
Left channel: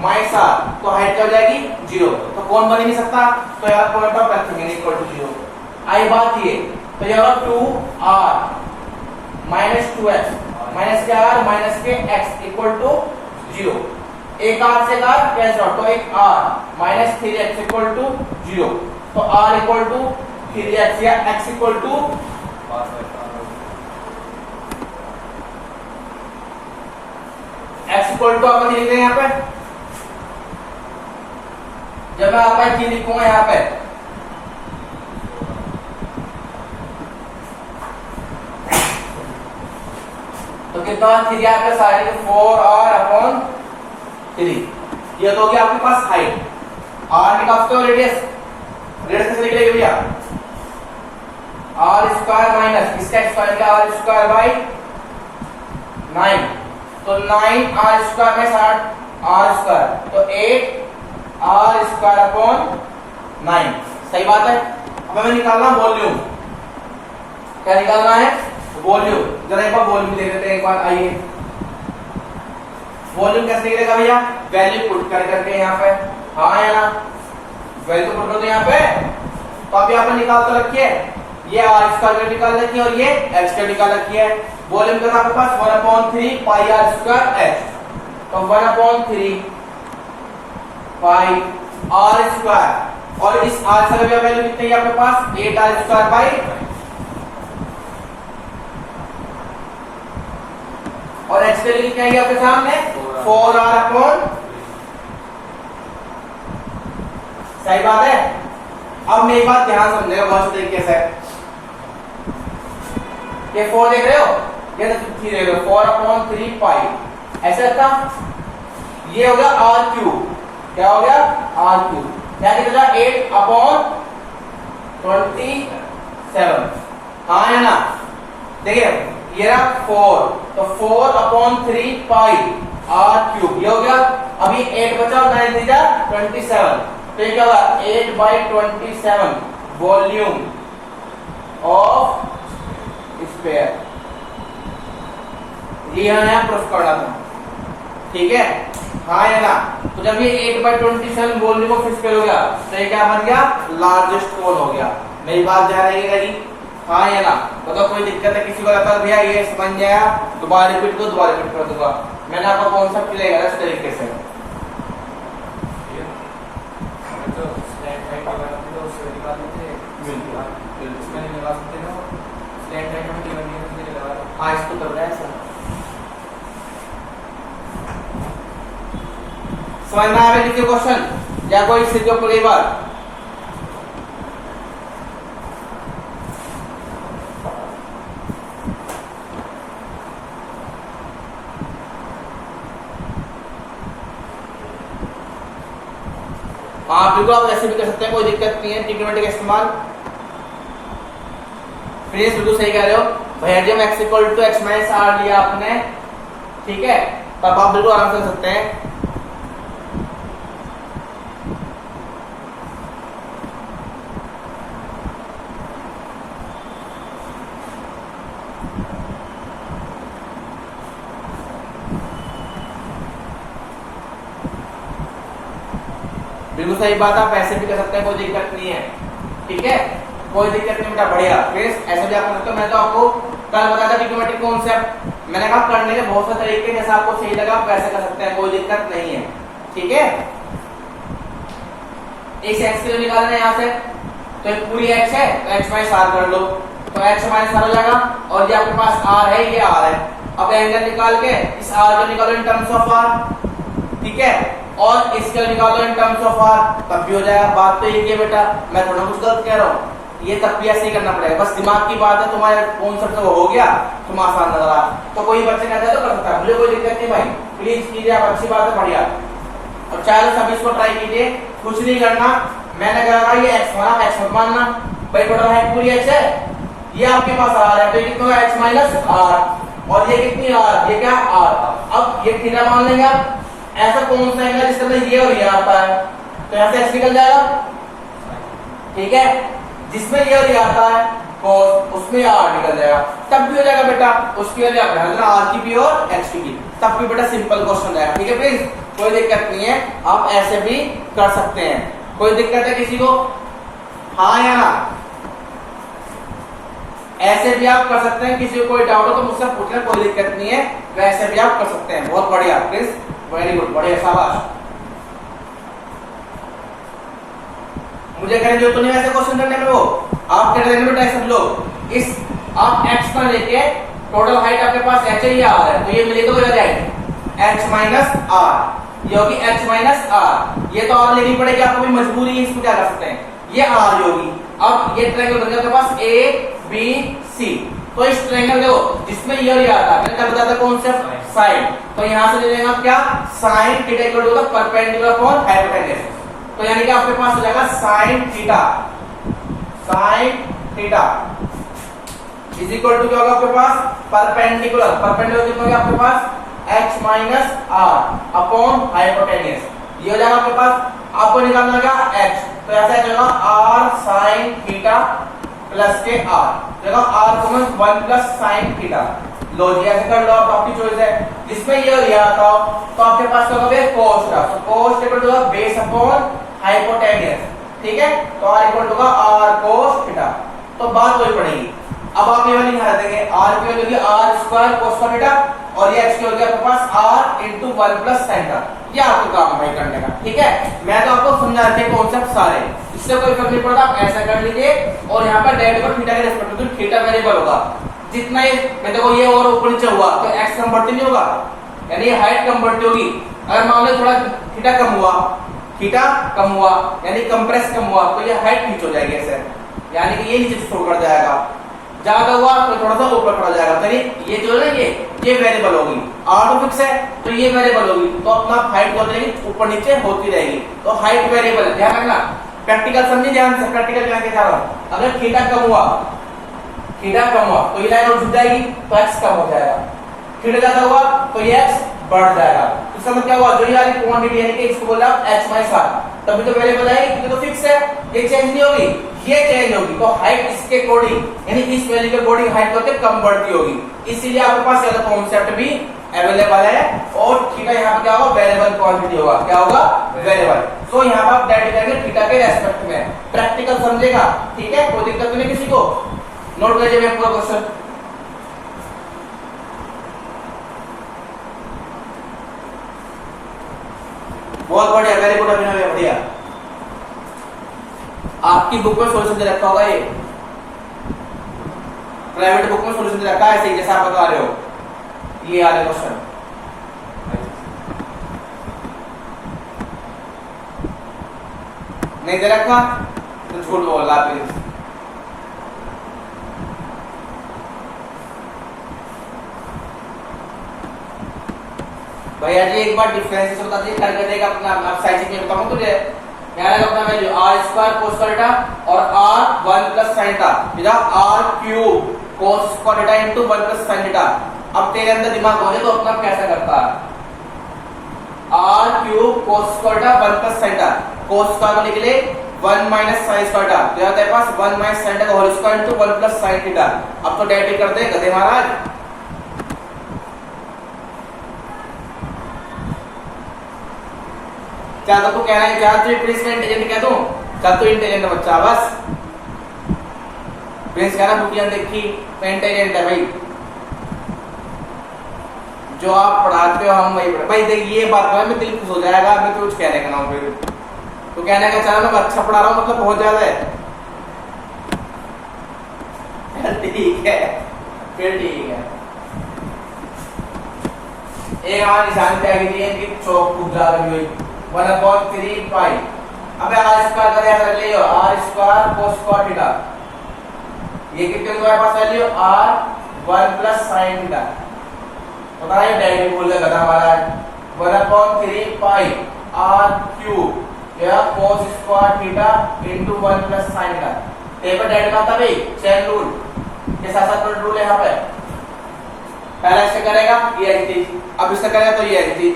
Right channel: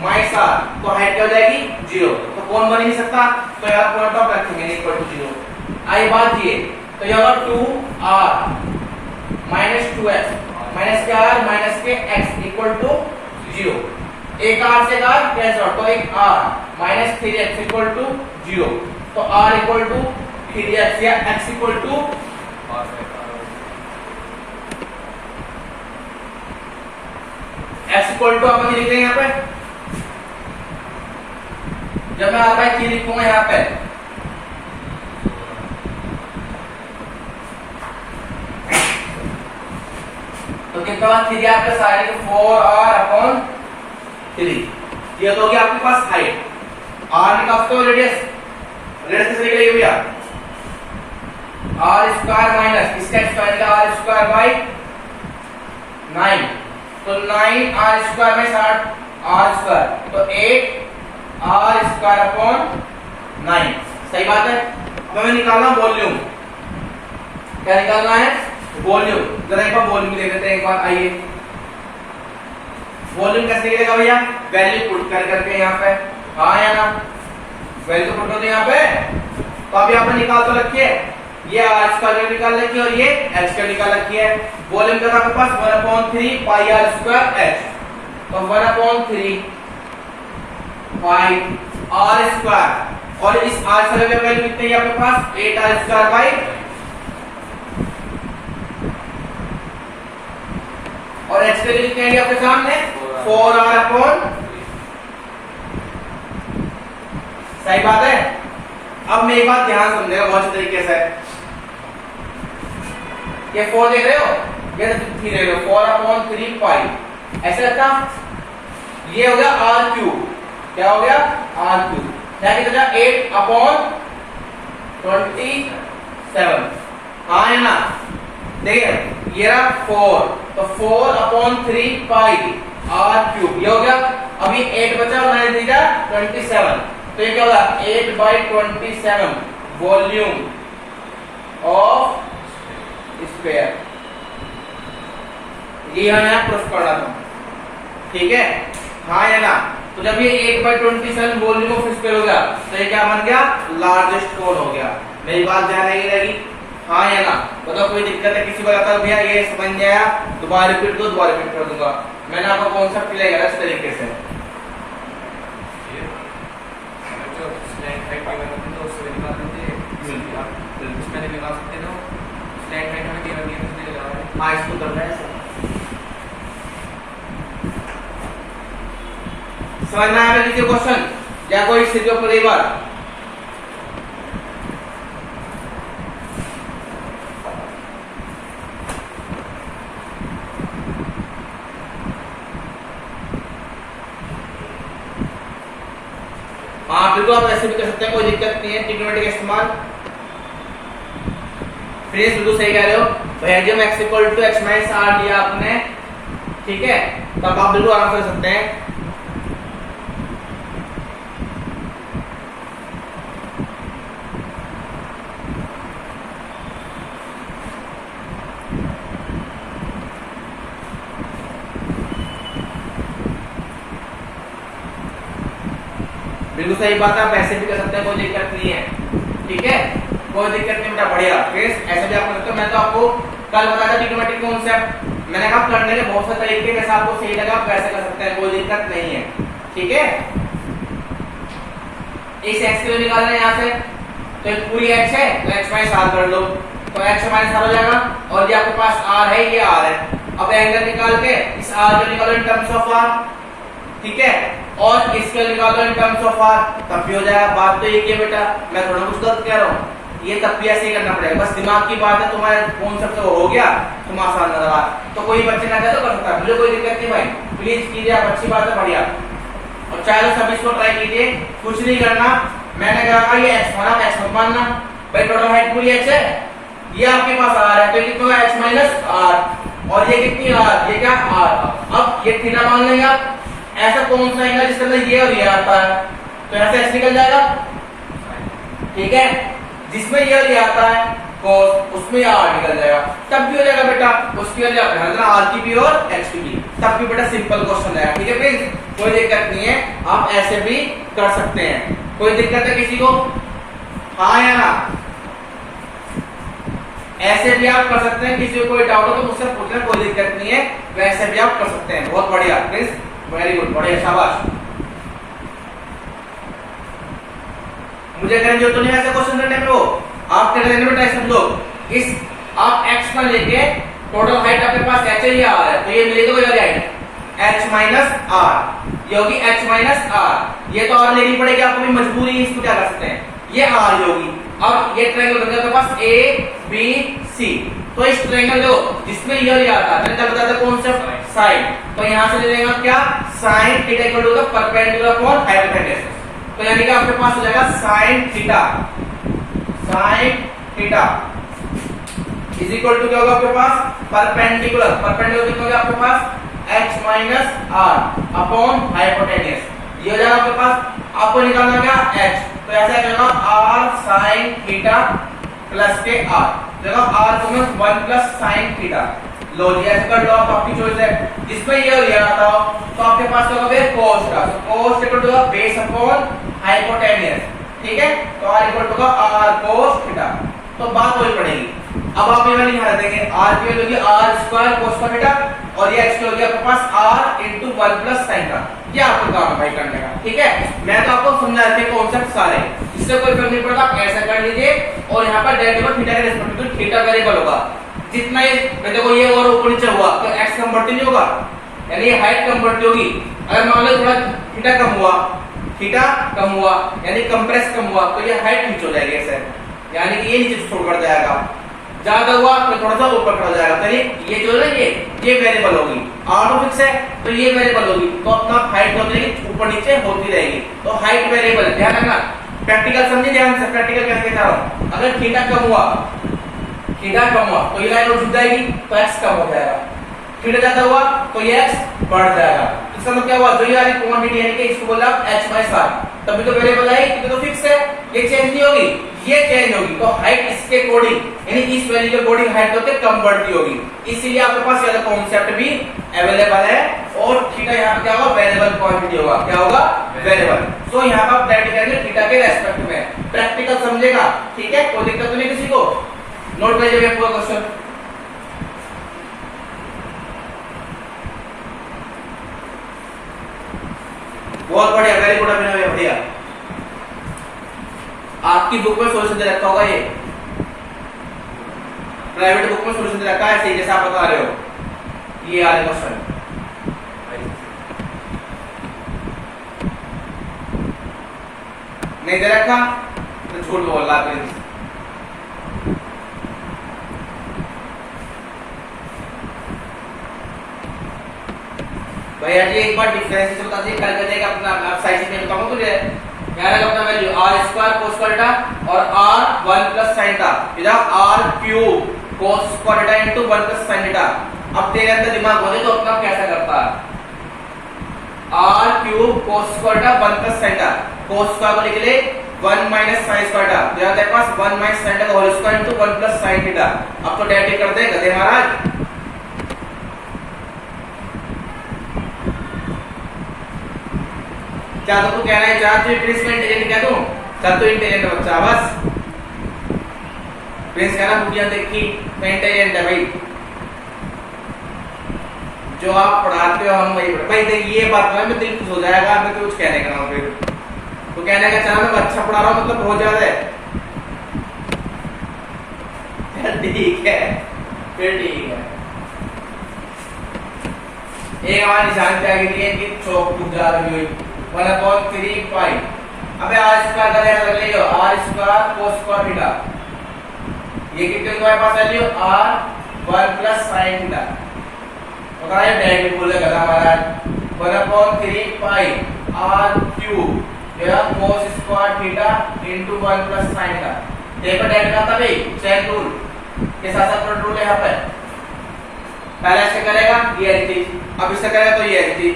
minus r, तो हाइट क्या हो जाएगी 0, तो कौन बन नहीं सकता, तो यहाँ पॉइंट ऑफ रखेंगे इक्वल टू 0। आई बात ये, तो यह होगा 2r माइनस 2x माइनस के r माइनस के x इक्वल टू 0। एक r से r कैंसिल आउट, तो एक r minus 3x equal to 0। तो r इक्वल टू 3x या x equal to x equal to अपन लिख रहे हैं यहाँ पे, जब मैं आपका 3 लिखूंगा यहाँ पे, तो कितना 3 आपका साइड 4r अपॉन 3, ये तो हो गया आपके पास हाइट। r निकालते हो रेडियस, रेडियस कैसे निकलेगी भैया, r स्क्वायर माइनस इसका स्क्वायर का r स्क्वायर बाई 9, तो 9r स्क्वायर में 8 r स्क्वायर, तो 8 r स्क्वायर अपॉन 9, सही बात है। अब हमें निकालना वॉल्यूम, क्या निकालना है, वॉल्यूम। जरा एक बार वॉल्यूम देख लेते हैं, एक बार आइए, वॉल्यूम कैसे निकलेगा भैया, वैल्यू पुट कर करके यहाँ पे, हाँ या ना, वैल्यू पुट कर दो यहाँ पे। तो अब यहाँ पे निकाल तो रखिए, ये r स्क्वायर निकाल रखी है और ये h स्क्वायर निकाल रखी है। वॉल्यूम का आपके पास 1/3 पाई r स्क्वायर h, तो 1/3 पाई r स्क्वायर, और इस r स्क्वायर की वैल्यू कितनी है आपके पास, 8r स्क्वायर बाई, और h की वैल्यू कितनी है आपके सामने 4r अपॉन, सही बात है। अब मैं एक बात ध्यान समझेगा बहुत अच्छे तरीके से, ये 4 देख रहे हो, ये 3 देख रहे हो, 4/3 पाई, ऐसा था, ये हो गया r क्यूब, क्या हो गया r क्यूब, क्या कितना 8/27, हाँ है ना, देखिए ये रहा 4, तो 4/3 पाई r क्यूब, ये हो गया। अभी 8 बचा और 9 दीजा 27, तो ये क्या होगा 8/27 वॉल्यूम ऑफ स्फीयर, ये यहाँ प्रूफ करना था, ठीक है, हाँ या ना। तो जब ये 8/27 वॉल्यूम ऑफ स्फीयर हो गया, तो ये क्या बन गया, लार्जेस्ट कोन हो गया। मेरी बात ध्यान रहेगी, हाँ या ना बताओ, कोई दिक्कत है किसी को? लगता है भैया ये समझ नहीं आया, दोबारा रिपीट कर दूंगा। मैंने आपको कॉन्सेप्ट क्लियर करा इस तरीके से। जो स्लैंड हाइट की बात है तो उसको निकाल देते हैं, इसमें नहीं निकाल सकते तो स्लैंड हाइट में टेबल में इसमें लगा है। हाँ इसको करना है ऐसा। समझ में आया किसी क्वेश्चन या कोई सिर्फ ऊपर एक बार? हाँ बिल्कुल, आप ऐसे भी कर सकते हैं, कोई दिक्कत नहीं है। ट्रिग्नोमेट्री का इस्तेमाल फ्रेंड्स बिल्कुल सही कह रहे हो भैया जी। हम x equal to x minus r लिया आपने, ठीक है, तब आप बिल्कुल आराम से कर सकते हैं। बिल्कुल सही बात, आप ऐसे भी कर सकते हैं, कोई दिक्कत नहीं है, ठीक है, कोई दिक्कत नहीं बेटा, बढ़िया। फिर ऐसे भी आप कर सकते हो। मैं तो आपको कल बताया था ट्रिग्नोमेट्री कॉन्सेप्ट, मैंने कहा करने के बहुत से तरीके, वैसे आपको सही लगा आप वैसे कर सकते हैं, कोई दिक्कत नहीं है, ठीक है। इस x के लिए निकालना है यहाँ से, तो एक पूरी x है तो x माइनस आर कर लो, तो x माइनस आर हो जाएगा, और ये आपके पास r है, ये r है। अब एंगल निकाल के इस r को निकालो इन टर्म्स ऑफ r, ठीक है, और इसके निकालो इन टर्म्स ऑफ r, तब भी हो जाएगा। बात तो ये की बेटा, मैं थोड़ा कुछ गलत कह रहा हूँ, ये तब भी ऐसे ही करना पड़ेगा, बस दिमाग की बात है। तुम्हारे कॉन्सेप्ट वो हो गया, तुम आसान नजर आ, तो कोई बच्चे ना तो कर सकता है, मुझे कोई दिक्कत नहीं भाई, प्लीज कीजिए आप, अच्छी बात है, बढ़िया। और चाहे तो सभी इसको ट्राई कीजिए, कुछ नहीं करना। मैंने कहा ये x माना, x मत मानना भाई, टोटल हाइट पूरी x है, ये आपके पास r है, तो ये कितना है x माइनस r, और ये कितनी r, ये क्या r। अब ये थीटा मान लेंगे आप, ऐसा कौन सा एंगल जिसके अंदर ये और ये आता है, तो यहाँ से x निकल जाएगा, ठीक है, जिसमें ये और ये आता है cos, उसमें r निकल जाएगा, तब भी हो जाएगा बेटा। उसकी वजह r की भी और x की भी, तब भी बेटा सिंपल क्वेश्चन है, ठीक है प्लीज, कोई दिक्कत नहीं है, आप ऐसे भी कर सकते हैं। कोई दिक्कत है किसी को? हाँ या ना? ऐसे भी आप कर सकते हैं, किसी को कोई डाउट हो तो मुझसे पूछना, कोई दिक्कत नहीं है, वैसे भी आप कर सकते हैं। बहुत बढ़िया प्लीज, वेरी गुड, बढ़िया, शाबाश। मुझे करने जो तो नहीं ऐसे क्वेश्चन करने में, वो आप कर देंगे बेटा सब लोग। इस आप x पर लेके टोटल हाइट आपके पास h है या r है, तो ये मिलेगा कोई वाली हाइट h माइनस r, ये होगी h माइनस r, ये तो और लेनी पड़ेगी आपको भी, मजबूरी है, इसको क्या कर सकते हैं, ये r होगी। अब ये ट्रायंगल बन गया आपके पास a b c, तो इस ट्रायंगल देखो जिसमें ये और ये आता है, मैंने क्या बताया था कॉन्सेप्ट, साइन, तो यहां से ले लेंगे आप क्या, sin theta equal to perpendicular upon hypotenuse, तो यानी कि आपके पास हो जाएगा sin theta, sin theta is equal to क्या होगा आपके पास, परपेंडिकुलर, परपेंडिकुलर कितना होगा आपके पास, h minus r upon hypotenuse, ये हो जाएगा आपके पास। आपको निकालना क्या, h, तो ऐसा जाएगा r sin थीटा प्लस के r, जगह r को मैं 1 प्लस sin थीटा, लो जी ऐसे कर लो, आप आपकी चॉइस है, जिसमें ये और ये आता हो तो आपके पास क्या होगा cos का, तो cos equal to base upon hypotenuse, ठीक है, तो r equal to r cos theta, तो बात वही पड़ेगी। अब आप ये वाली निकाल देंगे, r की वैल्यू होगी r स्क्वायर cos का थीटा, और ये x की होगी आपके पास r into 1 प्लस sin का, ये आपको काम है भाई करने का, ठीक है। मैं तो आपको समझा रखे कॉन्सेप्ट सारे, इससे कोई फर्क नहीं पड़ता, आप ऐसा कर लीजिए, और यहाँ पर डायरेक्ट और थीटा के रेस्पेक्ट में थीटा वेरिएबल होगा, जितना ये देखो ये और ऊपर नीचे हुआ तो x कम बढ़ती नहीं होगा, यानी ये हाइट कम बढ़ती होगी। अगर मान लो थोड़ा थीटा कम हुआ, थीटा कम हुआ यानी कंप्रेस कम हुआ, तो ये हाइट नीचे हो जाएगी ऐसे, यानी कि ये नीचे छोड़ कर जाएगा, ज्यादा हुआ तो थोड़ा सा ऊपर पड़ जाएगा, तो ये जो है ये वेरिएबल होगी, r तो फिक्स है तो ये वेरिएबल होगी, तो अपना हाइट होती रहेगी, ऊपर नीचे होती रहेगी, तो हाइट वेरिएबल, ध्यान रखना। प्रैक्टिकल समझिए ध्यान से, प्रैक्टिकल कैसे दिखा रहा हूं, अगर थीटा कम हुआ, थीटा कम हुआ तो ये लाइन और झुक जाएगी, तो x कम हो जाएगा, थीटा ज्यादा हुआ तो ये x बढ़ जाएगा। इसका मतलब क्या हुआ, जो ये वाली क्वांटिटी यानी कि इसको बोला h माइनस r, तभी तो वेरिएबल है, ये तो फिक्स है, ये चेंज नहीं होगी, ये चेंज होगी, तो हाइट इसके अकॉर्डिंग यानी इस वैल्यू के अकॉर्डिंग हाइट होते कम बढ़ती होगी, इसीलिए आपके पास वाला कॉन्सेप्ट भी अवेलेबल है, और थीटा यहाँ पे क्या होगा, वेरिएबल क्वांटिटी होगा, क्या होगा, वेरिएबल। सो यहाँ पर आप डायरेक्ट करेंगे थीटा के रेस्पेक्ट में, प्रैक्टिकल समझेगा, ठीक है, कोई दिक्कत तो नहीं किसी को। नोट कीजिए भैया पूरा क्वेश्चन। बहुत बढ़िया, वेरी गुड अभिनव भैया, बढ़िया। आपकी बुक में सॉल्यूशन दे रखा होगा, ये प्राइवेट बुक में सॉल्यूशन दे रखा है ऐसे ही जैसा आप बता रहे हो। ये आ रहे क्वेश्चन नहीं दे रखा तो झूठ बोल रहा प्लीज। भैया जी एक बार डिफरेंस से बता दीजिए, कैलकुलेट देगा अपना आप साइज में बताऊं तुझे। यहाँ अपना value r square cos square theta और r 1 प्लस sin थीटा, इधर r cube cos square theta into 1 plus sin theta. अब तेरे अंदर दिमाग हो जाए तो अपना कैसा करता है, r cube cos square theta 1 plus sin theta, cos square को लिख ले 1 माइनस sin स्क्वायर थीटा, तो तेरे पास 1 माइनस sin थीटा का whole square into 1 plus sin theta. अब तो डायरेक्ट कर दे गधे महाराज। क्या तो तू कहना है चार तू प्रिंस में इंटेलिजेंट कह दूं, चल तू इंटेलिजेंट बच्चा बस। प्रिंस कह रहा बुढ़िया देखी तो इंटेलिजेंट है भाई, जो आप पढ़ाते हो हम वही भाई। देख ये बात है मैं दिल खुश हो जाएगा, मैं तो कुछ कहने का नाम फिर तो कहने का चला मैं अच्छा पढ़ा रहा हूं मतलब बहुत ज्यादा है। ठीक है फिर ठीक है। एक हमारा निशान क्या इनकी चौक टूट जा रही हुई 1/3 पाई। अबे r स्क्वायर का याद रख लियो, r square cos square theta, ये कितने तुम्हारे पास value r 1 plus sin theta. पता है डायरेक्ट बोल देगा हमारा 1/3 पाई r क्यूब या cos square theta into 1 plus sin theta. देखो डायरेक्ट का था भाई चेन रूल के साथ साथ रूल है यहाँ पे। पहले ऐसे करेगा ये ऐसी, अब इससे करेगा तो ये ऐसी,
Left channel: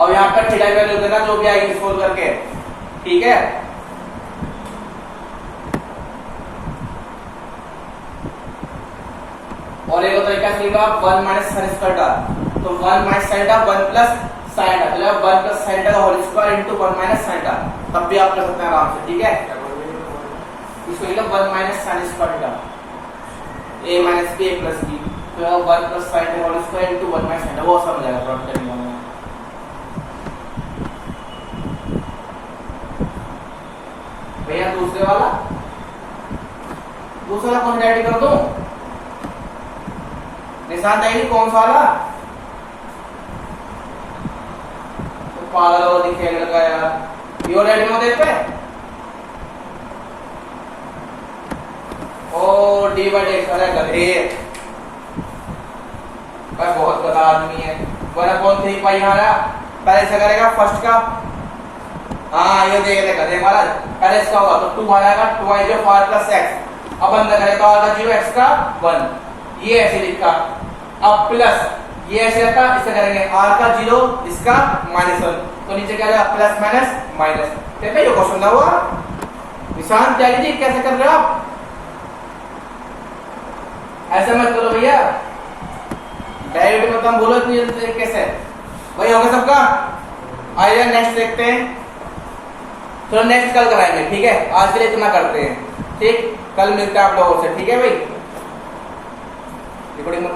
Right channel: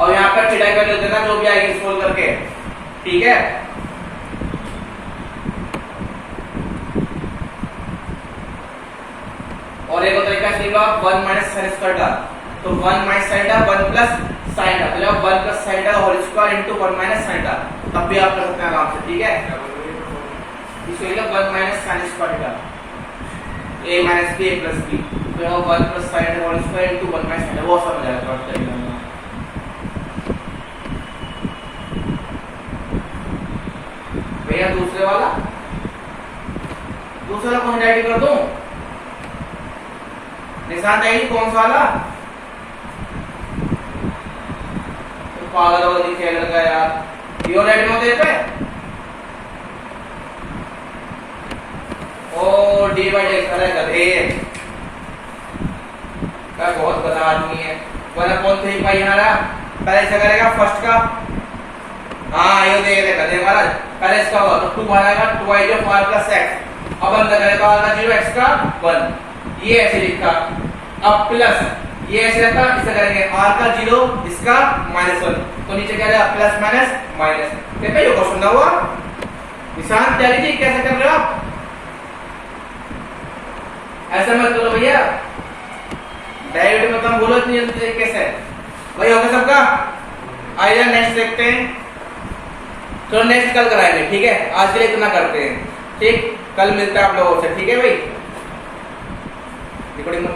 और यहाँ पर थीटा की वैल्यू देना जो भी आएगी सोल्व करके, ठीक है। और एक और तरीका सीखा 1 माइनस sin स्क्वायर थीटा, तो 1 minus sin theta 1 plus sin theta, मतलब 1 प्लस sin थीटा का whole square into 1 minus sin theta, तब भी आप कर सकते हैं आराम से, ठीक है। इसको लिखा 1 minus sin square theta a minus b a plus b, तो 1 plus sin theta whole square into 1 minus sin theta, वो समझ आएगा आप करेंगे। भैया दूसरे वाला कौन डायरेक्ट कर दूं, निशान डायरेक्ट कौन सा वाला, तो पागल हो दिखे लगा यार। यो डायरेक्ट में देते ओ डी बाई डी करे गधे भाई, बहुत गधा आदमी है। 1/3 पाई यहाँ पहले से करेगा फर्स्ट का, हाँ ये देख गधे महाराज। पहले इसका होगा तो 2 आएगा, 2 आएगा 5 प्लस x, अब अंदर करेगा r का 0 x का 1, ये ऐसे लिखा। अब प्लस ये ऐसे रखा, इसे करेंगे r का 0 इसका -1, तो नीचे क्या आएगा प्लस माइनस माइनस। देखो ये क्वेश्चन ना हुआ, निशान डायरेक्टली कैसे कर रहे हो आप, ऐसा मत बोलो भैया, डायरेक्ट मतलब बोलो इतनी जल्दी तरीके से। भाई होगा सबका, आइए नेक्स्ट देखते हैं। तो नेक्स्ट कल कराएंगे, ठीक है। आज के लिए इतना करते हैं, ठीक, कल मिलते हैं आप लोगों से, ठीक है भाई। रिकॉर्डिंग